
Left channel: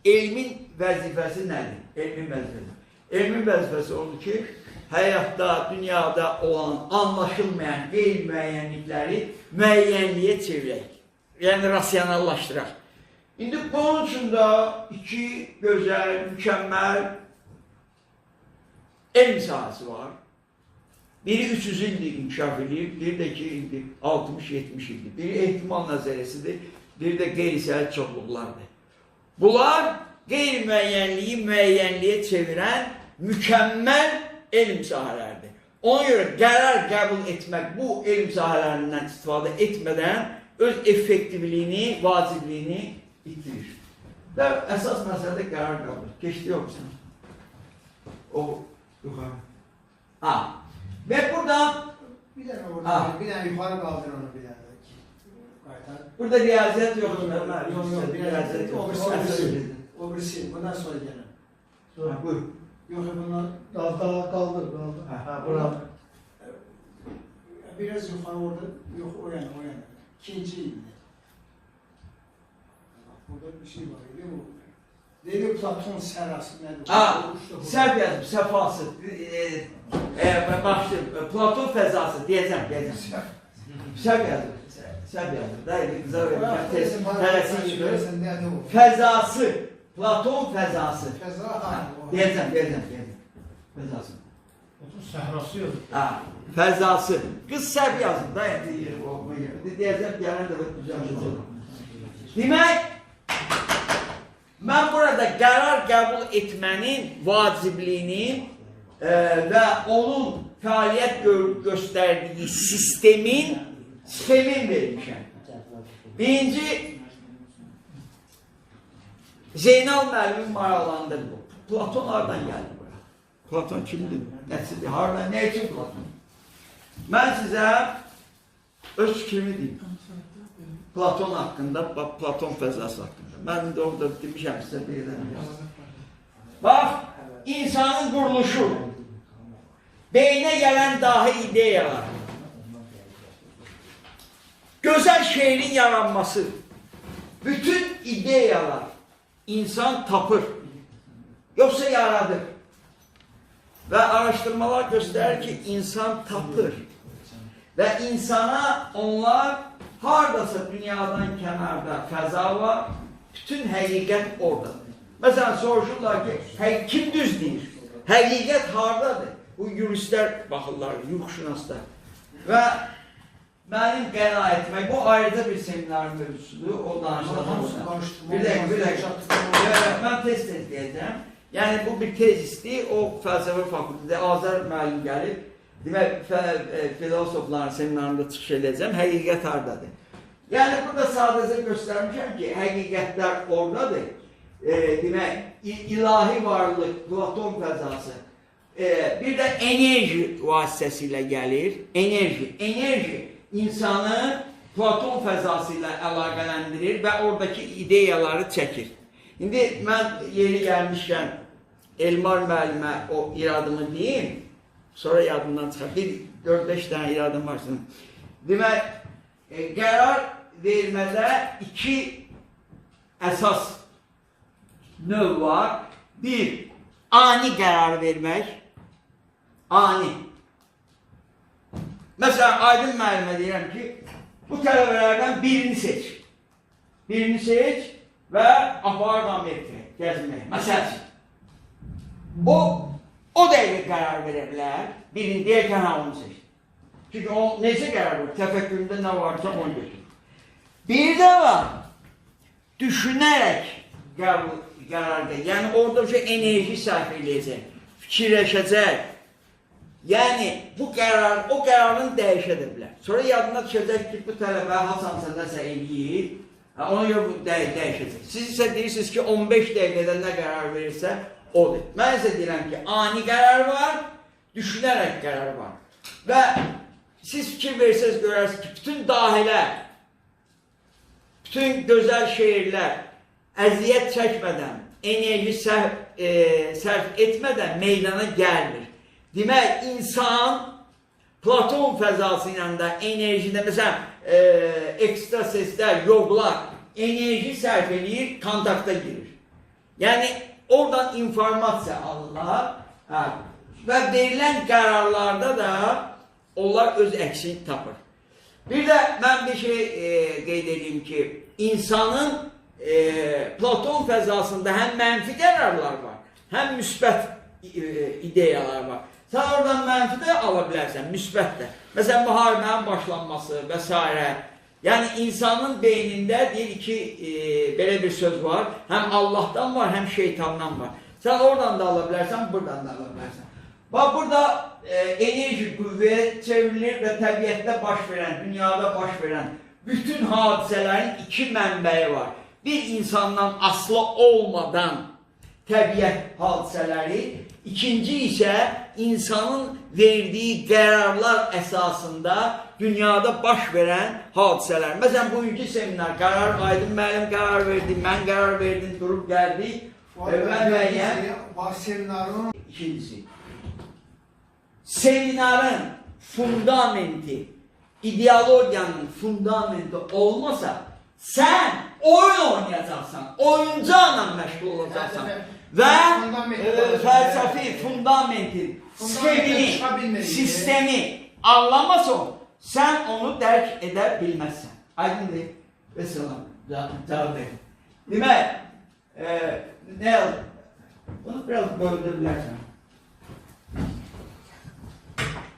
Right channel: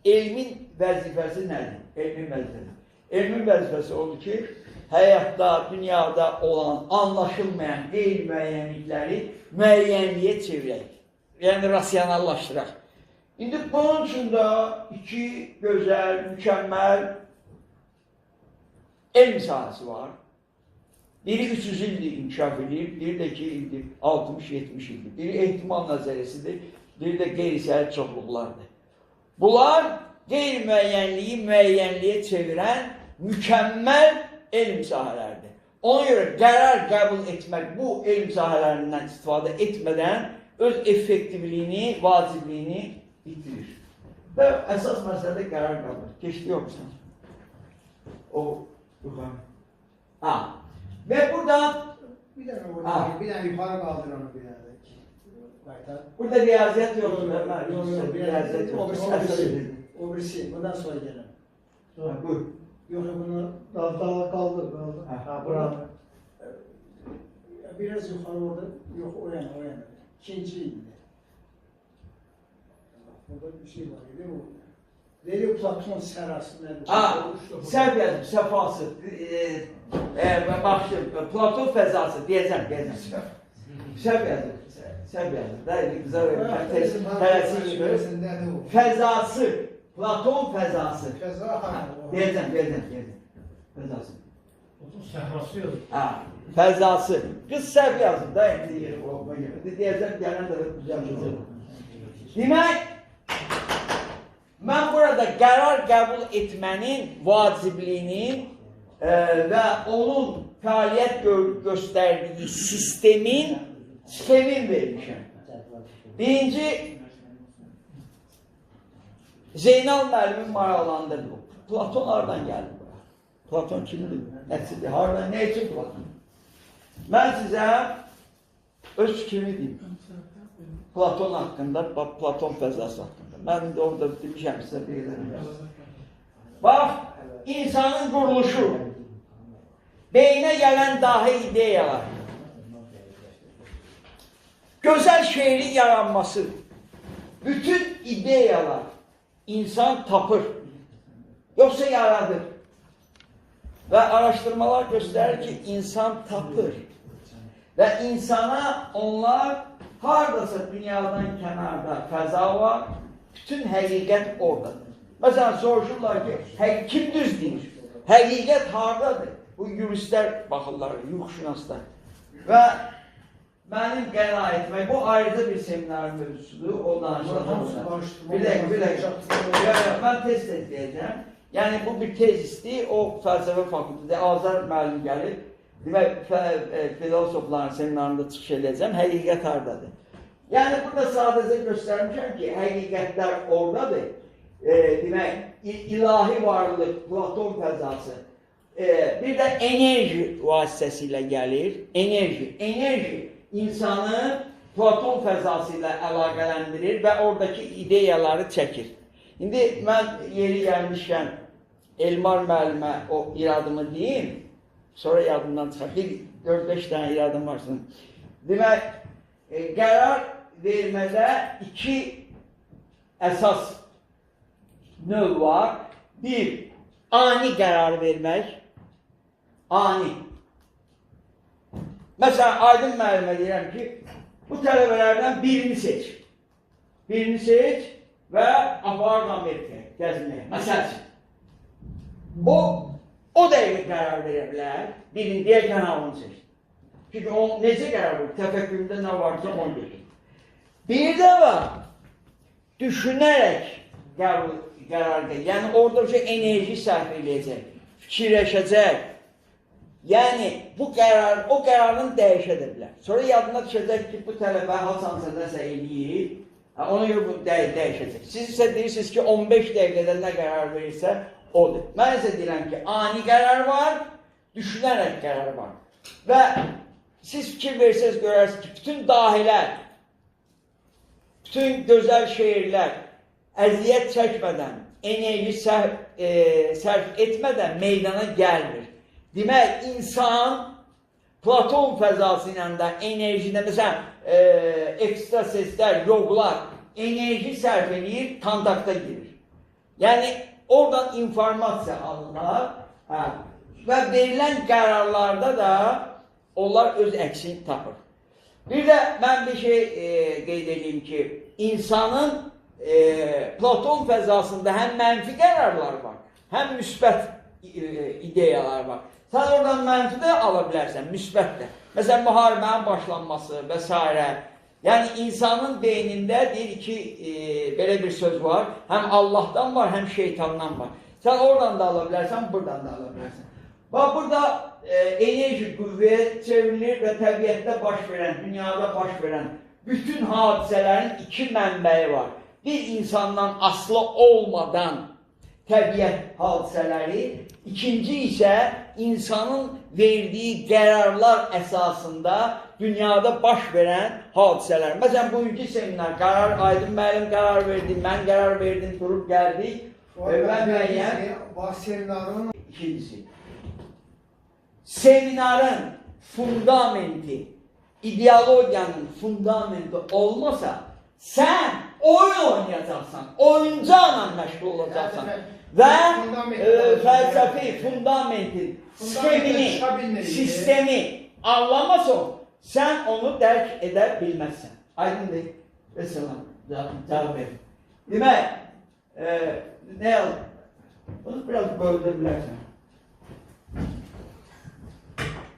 elmin vəzifəsi nədir? Elmin vəzifəsi. Elmin vəzifəsi odur ki, həyatda, dünyada olan anlaşılmayan qeyri-müəyyənlikləri müəyyənliyə çevirək. Yəni rasionallaşdıraq. İndi bunun üçün də iki gözəl, mükəmməl elm sahəsi var. Biri 300 ildir inkişaf edir, biri də 2 ildir, 60-70 ildir. Biri ehtimal nəzəriyyəsidir, biri də qeyri-səhət çoxluqlardır. Bunlar qeyri-müəyyənliyi müəyyənliyə çevirən mükəmməl elm sahələrdir. Ona görə qərar qəbul etmək bu elm sahələrindən istifadə etmədən öz effektivliyini, vacibliyini itirir. Və əsas məsələ qərar qəbul. Keçdi yoxsan. O yuxarı. Və burada bir dənə yuxarı qaldır onu bir dənə. Burada riyaziyyat yoxdur. Yox, riyaziyyat yoxdur. O birisi, bundan sonra gələm. Buyur. Yox, bunu Daha kaldır. bravo. Biraz yuxarı orada, yox, o yana. İkinci ildi. Burada bir şey var, değil mi? Dedi Platon sərası nədir? Sərf yazım, səfası. Başlayayım, Platon fəzası, deyəcəm. Sərf yazım. Sərf yazım. Dəyəli qızar verəm. Fəzası. Platon fəzası. Deyəcəm. Fəzası. Platon səhrası yok. Fəzası. Qız sərf yazım. Deyəcəm, gələn də düzələcəm. Demək, mən burada qərar qəbul etmənin vacibliyinin və onun fəaliyyət göstərdiyi sistemin vermişəm. Birinci, Zeynal müəllimin maraqlandır bu. Platon haradan gəldi buraya? Platon kimdir? Nəticədir? Haradan, nə üçün Platon? Mən sizə öz fikrimi deyim. Platon haqqında, Platon fəzası haqqında. Mən də orada demişəm sizə deyiləm. Bax, insanın quruluşu, beyinə gələn dahi ideyalar, gözəl şeirin yaranması, bütün ideyalar insan tapır. Yoksa yaradır. Ve araştırmalar gösterir ki insan tapır. Ve insana onlar hardasa dünyadan kenarda fəza var, bütün həqiqət oradadır. Mesela soruşurlar ki, kim düz deyir? Həqiqət hardadır? Bu yuristlər baxırlar, yuxuşunaslar. Və mənim qənaət etmək, bu ayrıca bir seminar mövzusudur, o danışılan. Bir dəqiqə. Mən tez deyəcəm. Yəni bu bir tezisdir, o fəlsəfə fakültədə Azər müəllim gəlib, demək, filosofların seminarında çıxış edəcəm, həqiqət hardadır. Yəni burada sadəcə göstərmişəm ki, həqiqətlər oradadır. Demək, ilahi varlıq, Platon fəzası, bir də enerji vasitəsilə gəlir. Enerji insanı Platon fəzası ilə əlaqələndirir və oradakı ideyaları çəkir. İndi mən yeri gəlmişkən Elmar müəllimə o iradımı deyim, sonra yadımdan çıxar. 4-5 dənə iradım varsın. Demək, qərar vermədə 2 əsas növ var. Bir, ani qərar vermək. Ani. Məsələn, Aydın müəllimə deyirəm ki, bu tələbələrdən birini seç. Birini seç və aparıb Amerikaya gəzmək. Məsələn, o dəqiqə qərar verə bilər, birini deyərkən onu seç. Çünki o necə qərar verir? Təfəkküründə nə varsa onu götür. Bir də var, düşünərək qərar verir. Yəni orada enerji sərf edəcək, fikirləşəcək. Yəni o qərarın dəyişə də bilər. Sonra yadına düşəcək ki, bu tələbə hasansa nəsə eləyir, ona görə bu dəyişəcək. Siz isə deyirsiniz ki, 15 dəqiqədə nə qərar verirsə, odur. Mən isə deyirəm ki, ani qərar var, düşünərək qərar var. Və siz fikir verirsiniz, görərsiniz ki, bütün dahilər, bütün gözəl şeirlər əziyyət çəkmədən, enerji sərf etmədən meydana gəlmir. Demək, insan Platon fəzası ilə də enerjində, məsələn, ekstraseslər, yoglar enerji sərf edir, kontakta girir. Yəni, oradan informasiya alırlar və verilən qərarlarda da onlar öz əksini tapır. Bir də mən bir şey qeyd edeyim ki, insanın Platon fəzasında həm mənfi qərarlar var, həm müsbət ideyalar var. Sən oradan mənfi də ala bilərsən, müsbət də. Məsələn, müharibənin başlanması və s. Yəni, insanın beynində deyir ki, belə bir söz var, həm Allahdan var, həm şeytandan var. Sən oradan da ala bilərsən, buradan da ala bilərsən. Bax, burada enerji qüvvəyə çevrilir və təbiətdə baş verən, dünyada baş verən bütün hadisələrin 2 mənbəyi var. Bir insandan asılı olmadan təbiət hadisələri, ikinci isə insanın verdiyi qərarlar əsasında dünyada baş verən hadisələr. Məsələn, bugünkü seminar, Aydın müəllim qərar verdi, mən qərar verdim, durub gəldik. Seminarın ikincisi, seminarın fundamenti, ideologiyanın fundamenti olmasa, sən oyun oynayacaqsan, oyuncaqla məşğul olacaqsan və fəlsəfi fundamentin, sistemi anlamasın, sən onu dərk edə bilməzsən. Aydındır. Və salam. Cavab verin. Demək, nə yazın? Bunu biraz böldür bilərsən.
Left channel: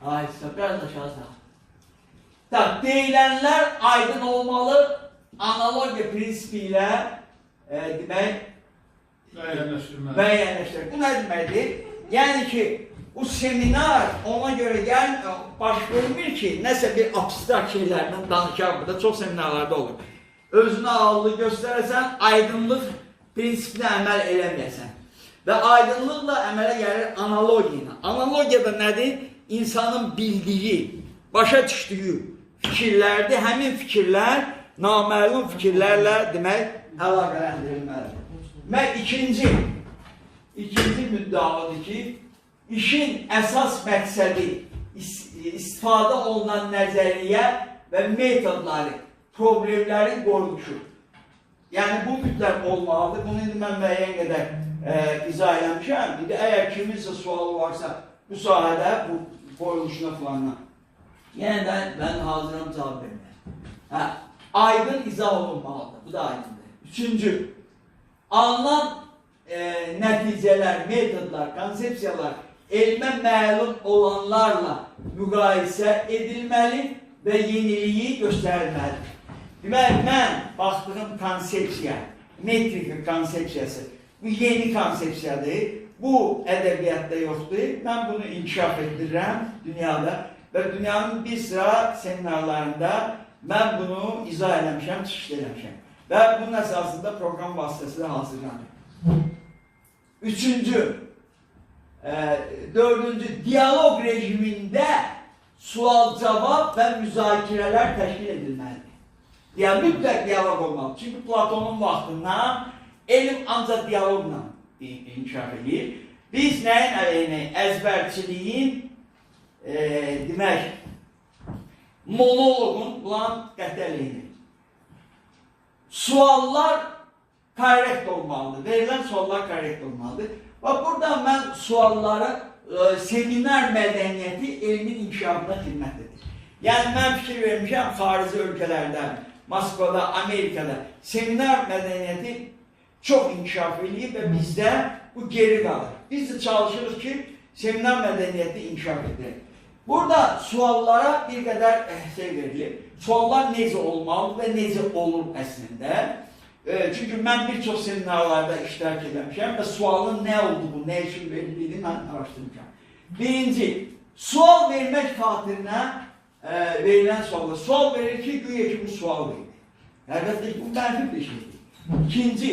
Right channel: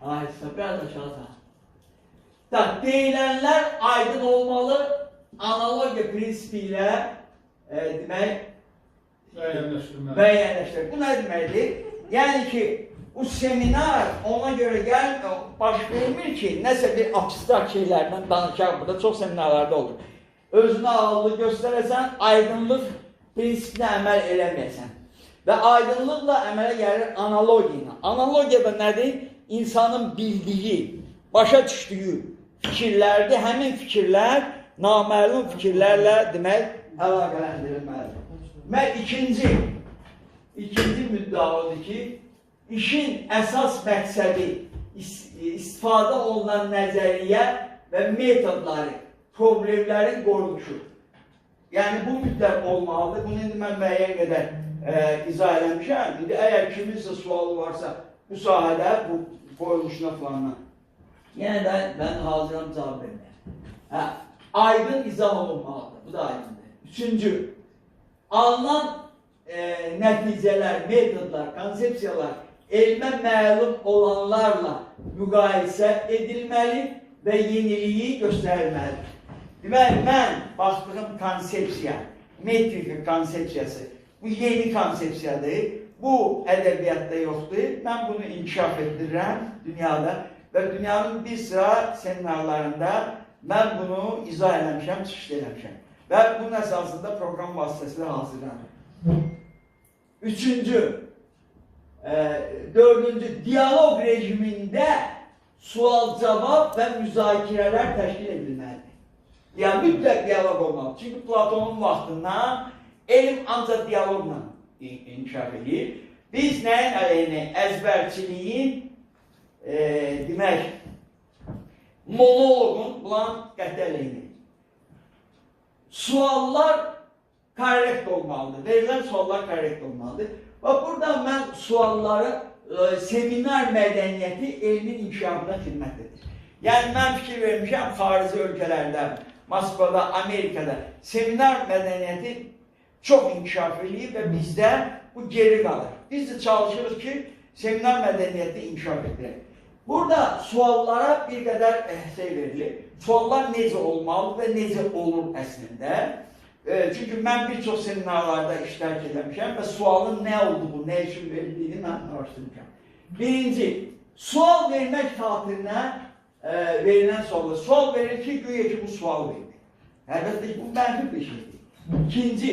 Aysa, biraz aşağı sağ. Deyilənlər aydın olmalı, analogiya prinsipi ilə demək, müəyyənləşdirmək. Bu nə deməkdir? Yəni ki, bu seminar ona görə baş vermir ki, nəsə bir abstrakt şeylərdən danışaq, burada çox seminarlarda olur. Özünə ağlı göstərəsən, aydınlıq prinsipinə əməl eləməyəsən. Və aydınlıqla əmələ gəlir analogiya. Analogiya da nədir? İnsanın bildiyi, başa düşdüyü fikirlərdir. Həmin fikirlər naməlum fikirlərlə demək əlaqələndirilməlidir. Və ikinci müddəalıdır ki, işin əsas məqsədi istifadə olunan nəzəriyyə və metodları, problemlərin qorunuşu. yəni bu mütləq olmalıdır. Bunu indi mən müəyyən qədər izah eləmişəm. İndi əgər kiminsə sualı varsa bu sahədə, bu qoyuluşuna falanla, yenə də mən hazıram cavab verməyə. Aydın izah olunmalıdır. Bu da aydındır. Üçüncü, alınan nəticələr, metodlar, konsepsiyalar elmə məlum olanlarla müqayisə edilməli və yeniliyi göstərilməlidir. Deməli, mən baxdığım konsepsiya, metrika konsepsiyası, bu yeni konsepsiyadır, bu ədəbiyyatda yoxdur, mən bunu inkişaf etdirirəm dünyada və dünyanın bir sıra seminarlarında mən bunu izah eləmişəm, çıxış eləmişəm və bunun əsasında proqram vasitəsilə hazırlanır. Üçüncü, dördüncü, diyalog rejimində sual-cavab və müzakirələr təşkil edilməlidir. Yəni, mütləq diyalog olmalı. Çünki Platonun vaxtından elm ancaq diyalogla inkişaf edir. Biz nəyin əleyhinə? Əzbərçiliyin, demək, monologun, bulan qəti əleyhinə. Suallar korrekt olmalıdır. Verilən suallar korrekt olmalıdır. Və buradan mən sualları seminar mədəniyyəti elmin inkişafına xidmət edir. Yəni, mən fikir vermişəm, xarici ölkələrdə, Moskvada, Amerikada seminar mədəniyyəti çox inkişaf edir və bizdə bu geri qalır. Biz də çalışırıq ki, seminar mədəniyyəti inkişaf edir. Burada suallara bir qədər şey verilir. Suallar necə olmalı və necə olur əslində. Çünki mən bir çox seminarlarda iştirak eləmişəm və sualın nə olduğu, nə üçün verildiyini mən araşdırmışam. Birinci, sual vermək xatirinə verilən suallar. Sual verir ki, güya ki bu sual verir. Əlbəttə ki, bu mənfi bir şeydir. İkinci,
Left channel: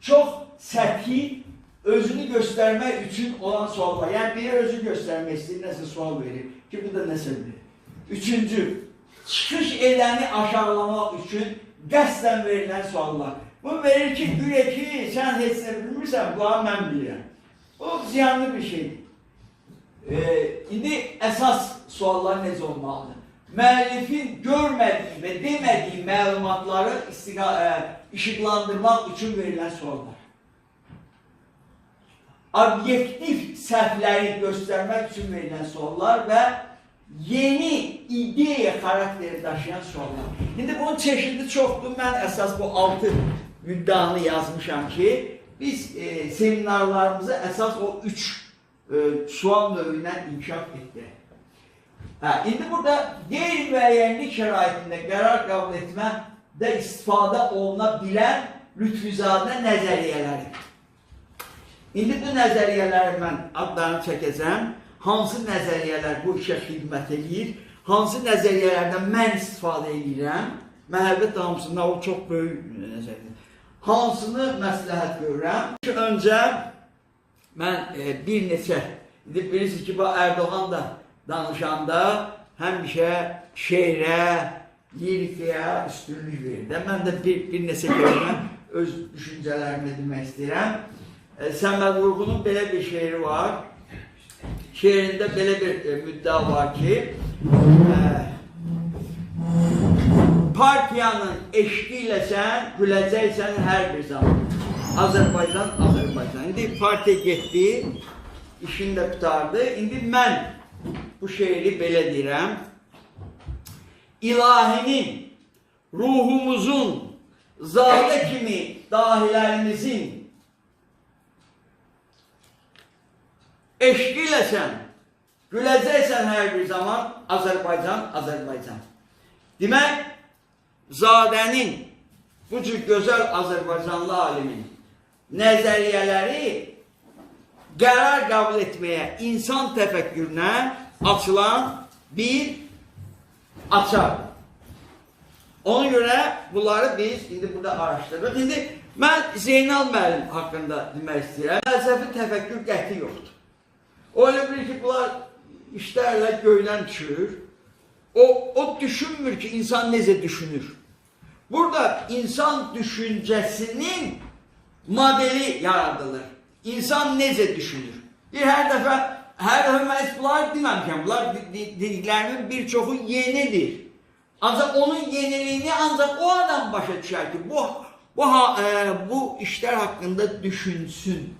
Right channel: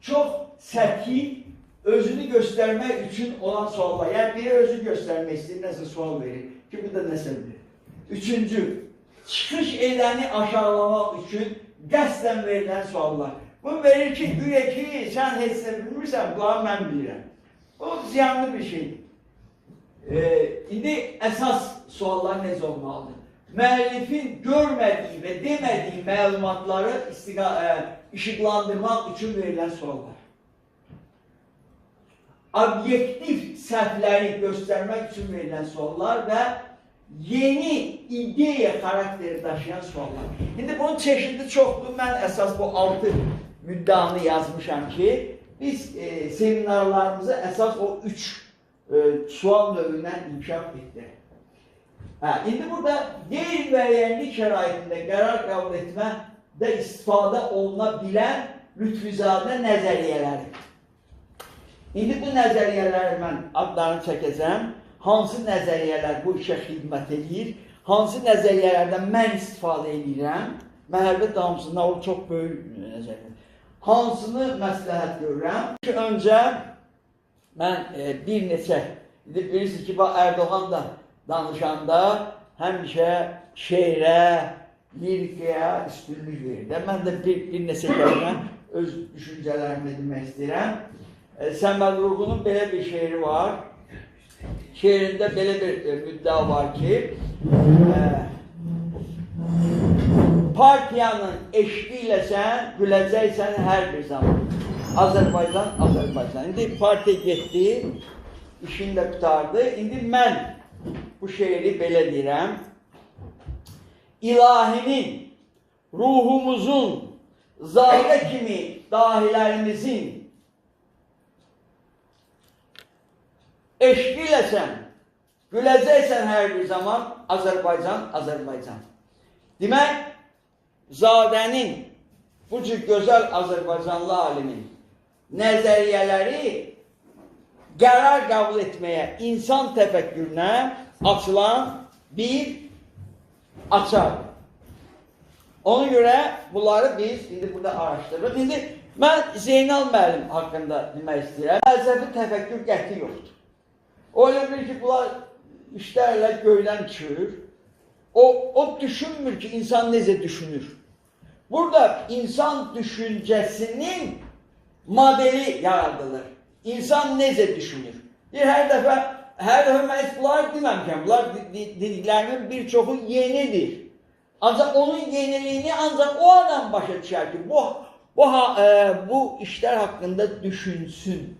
çox səthi özünü göstərmək üçün olan suallar. Yəni, biri özünü göstərmək istəyir, nəsə sual verir ki, bu da nəsə bilir. Üçüncü, çıxış edəni aşağılamaq üçün qəsdən verilən suallar. Bu verir ki, güya ki, sən heç nə bilmirsən, bunları mən bilirəm. Bu ziyanlı bir şeydir. İndi əsas suallar necə olmalıdır? Müəllifin görmədiyi və demədiyi məlumatları işıqlandırmaq üçün verilən suallar. Obyektiv səhvləri göstərmək üçün verilən suallar və yeni ideya xarakteri daşıyan suallar. İndi bunun çeşidi çoxdur. Mən əsas bu 6 müddanı yazmışam ki, biz seminarlarımızı əsas o 3 sual növündən inkişaf etdirək. İndi burada qeyri-müəyyənlik şəraitində qərar qəbul etmədə istifadə oluna bilən lütfüzadə nəzəriyyələri. İndi bu nəzəriyyələri mən adlarını çəkəcəm. Hansı nəzəriyyələr bu işə xidmət edir, hansı nəzəriyyələrdən mən istifadə edirəm, məhəbbət damsında o çox böyük nəzəriyyə. Hansını məsləhət görürəm? Öncə mən bir neçə, bilirsiniz ki, Erdoğan da danışanda həmişə şeirə, lirikaya üstünlük verir. Mən də bir neçə kəlmə öz düşüncələrimi demək istəyirəm. Səməd Vurğunun belə bir şeiri var. Şeirində belə bir müddia var ki, partiyanın eşqiyle sən güləcəksən hər bir zaman. Azərbaycan, Azərbaycan. İndi partiya getdi, işini də qutardı. İndi mən bu şeiri belə deyirəm. İlahinin, ruhumuzun, zadə kimi dahilərimizin eşqiyle sən güləcəksən hər bir zaman Azərbaycan, Azərbaycan. Demək, zadənin, bu cür gözəl Azərbaycanlı alimin nəzəriyyələri qərar qəbul etməyə, insan təfəkkürünə açılan bir açardır. Ona görə bunları biz indi burada araşdırırıq. İndi mən Zeynal müəllim haqqında demək istəyirəm. Fəlsəfi təfəkkür qəti yoxdur. O elə bilir ki, bunlar işlərlə göydən düşür. O düşünmür ki, insan necə düşünür. Burada insan düşüncəsinin modeli yaradılır. İnsan necə düşünür. Hər dəfə mən bunlar deməmişəm. Bunlar dediklərimin bir çoxu yenidir. Ancaq onun yeniliyini ancaq o adam başa düşər ki, bu işler hakkında düşünsün.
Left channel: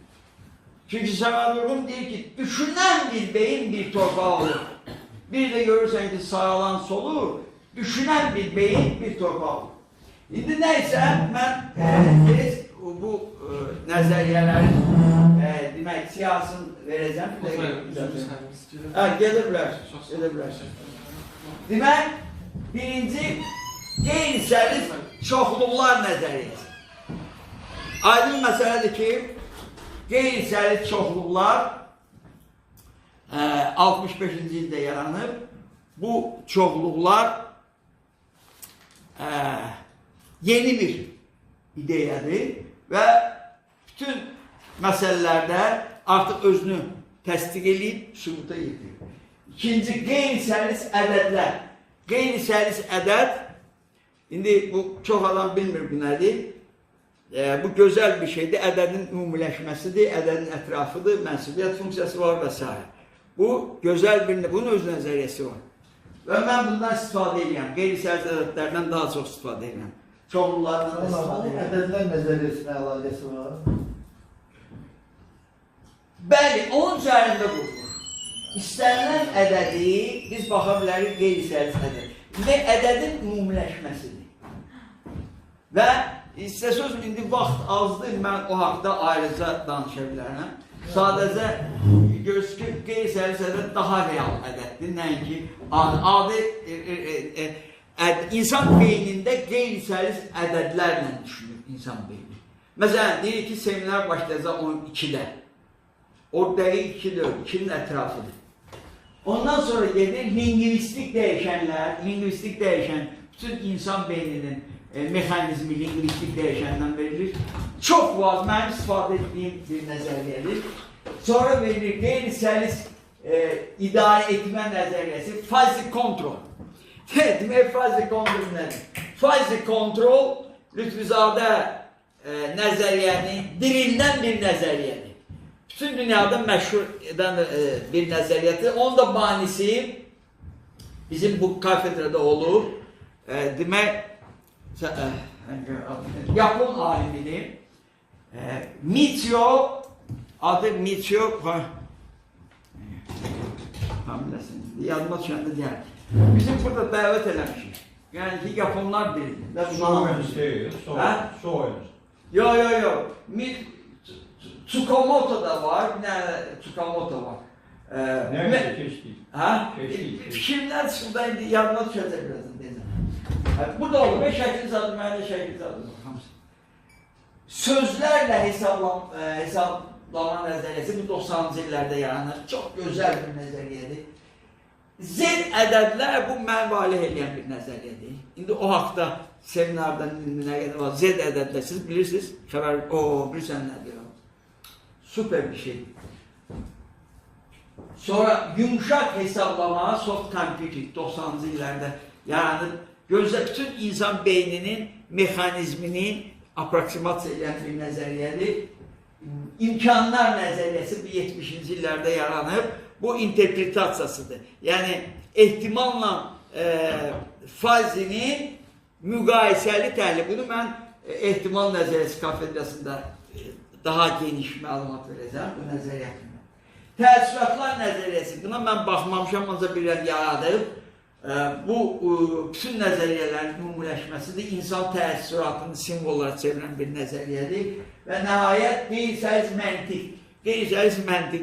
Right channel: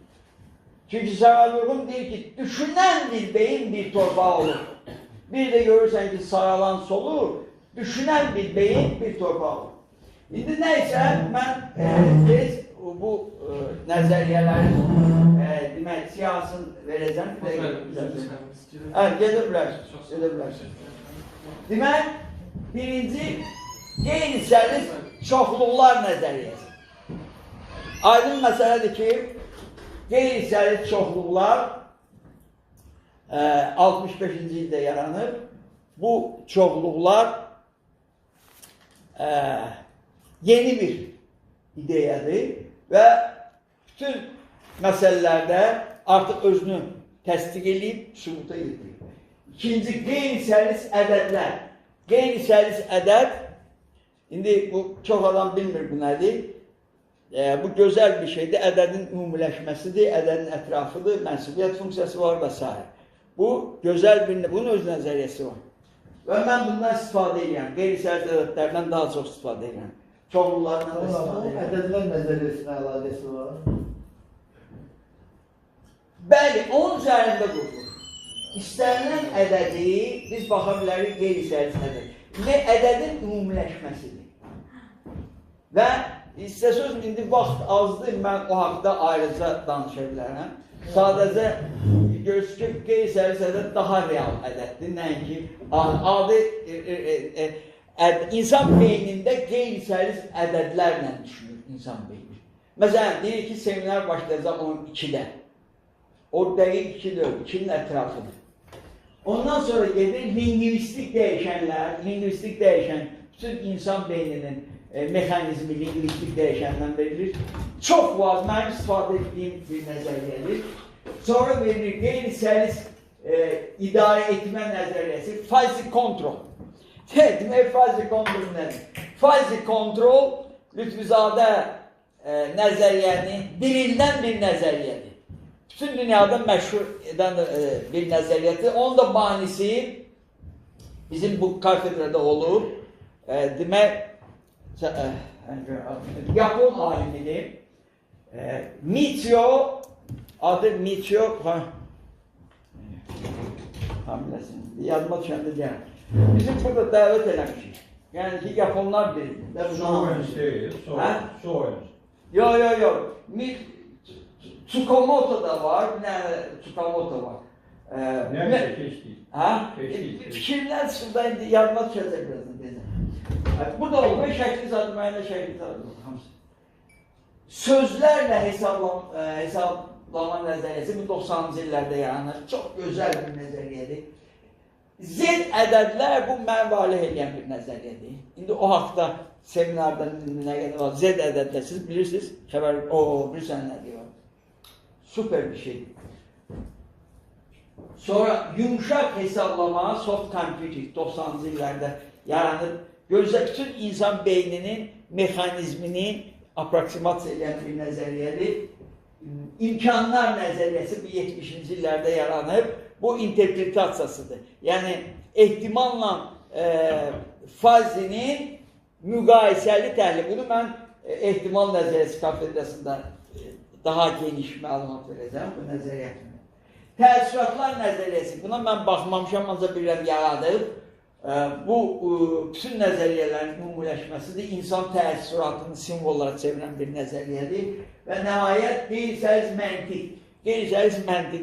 Çünkü Sağalurgun deyir ki, düşünen bir beyin bir torpağı olur. Bir de görürsen ki sağalan solur, düşünen bir beyin bir torpağı olur. Şimdi neyse ben biz bu nəzəriyyələrin demək siyasını verəcəm. Gedirlər. Demək, birinci qeyri-sərli çoxluqlar nəzəriyyəsi. Aydın məsələdir ki, qeyri-sərli çoxluqlar 65-ci ildə yaranıb. Bu çoxluqlar yeni bir ideyadır və bütün məsələlərdə artıq özünü təsdiq edib, sübuta yetirir. İkinci, qeyri-səlis ədədlər. Qeyri-səlis ədəd, indi bu çox adam bilmir bu nədir. Bu gözəl bir şeydir, ədədin ümumiləşməsidir, ədədin ətrafıdır, mənsubiyyət funksiyası var və s. Bu gözəl bir, bunun öz nəzəriyyəsi var. Və mən bundan istifadə edirəm, qeyri-səlis ədədlərdən daha çox istifadə edirəm. Çoxlulardan da istifadə edirəm. Ədədlər nəzəriyyəsinə əlaqəsi var. Bəli, onun üzərində qurulur. İstənilən ədədi biz baxa bilərik qeyri-səlis ədəd. İndi ədədin ümumiləşməsidir. Və istəsəz, indi vaxt azdır, mən o haqda ayrıca danışa bilərəm. Sadəcə görürsünüz ki, qeyri-səlis ədəd daha real ədəddir. Nəinki adi insan beynində qeyri-səlis ədədlərlə düşünür insan beyni. Məsələn, deyir ki, seminer başlayacaq 12-də. O dəqiq 2-dir, 2-nin ətrafıdır. Ondan sonra gedir lingvistik dəyişənlər, lingvistik dəyişən bütün insan beyninin mexanizmi lingvistik dəyişəndən verilir. Çox vaz, mənim istifadə etdiyim bir nəzəriyyədir. Sonra verilir qeyri-səlis idarə etmə nəzəriyyəsi, fazi kontrol. Demək, fazi kontrol nədir? Fazi kontrol Lütfüzadə nəzəriyyəni dirildən bir nəzəriyyədir. Bütün dünyada məşhur edən bir nəzəriyyədir. Onun da banisi bizim bu kafedrada olur. Demək, Yapon alimidir. Michio, adı Michio, yadıma düşəndə deyəm. Bizim burada dəvət eləmişik. Yəni ki, Yaponlar bilir. Yok. Tsukamoto da var, bir tane Tsukamoto var. Nerede keşke? Fikirler şurada yanına düşecek birazdan. Bu da olur ve şekil sadım, yani şekil sadım. Sözlerle hesaplama nəzəriyyəsi bu 90-cı illərdə yaranır. Çox gözəl bir nəzəriyyədir. Z ədədlər bu mən valih edən bir nəzəriyyədir. İndi o haqda seminarda nə qədər var. Z ədədlər siz bilirsiniz. Bilirsən nə diyor. Süper bir şey. Sonra yumuşak hesaplama, soft computing 90'lı illərdə yaranıb. Gözlə bütün insan beyninin mexanizmini aproksimasiya edən bir nəzəriyyədir. İmkanlar nəzəriyyəsi bu 70-ci illərdə yaranıb. Bu interpretasiyasıdır. Yəni ehtimalla fazinin müqayisəli təhlili. Bunu mən ehtimal nəzəriyyəsi kafedrasında daha geniş məlumat verəcəm bu nəzəriyyə haqqında. Təəssüratlar nəzəriyyəsi, buna mən baxmamışam, ancaq bilirəm yaradıb. Bu bütün nəzəriyyələrin ümumiləşməsidir. İnsan təəssüratını simvollara çevirən bir nəzəriyyədir. Və nəhayət qeyri-səlis məntiq. Qeyri-səlis məntiq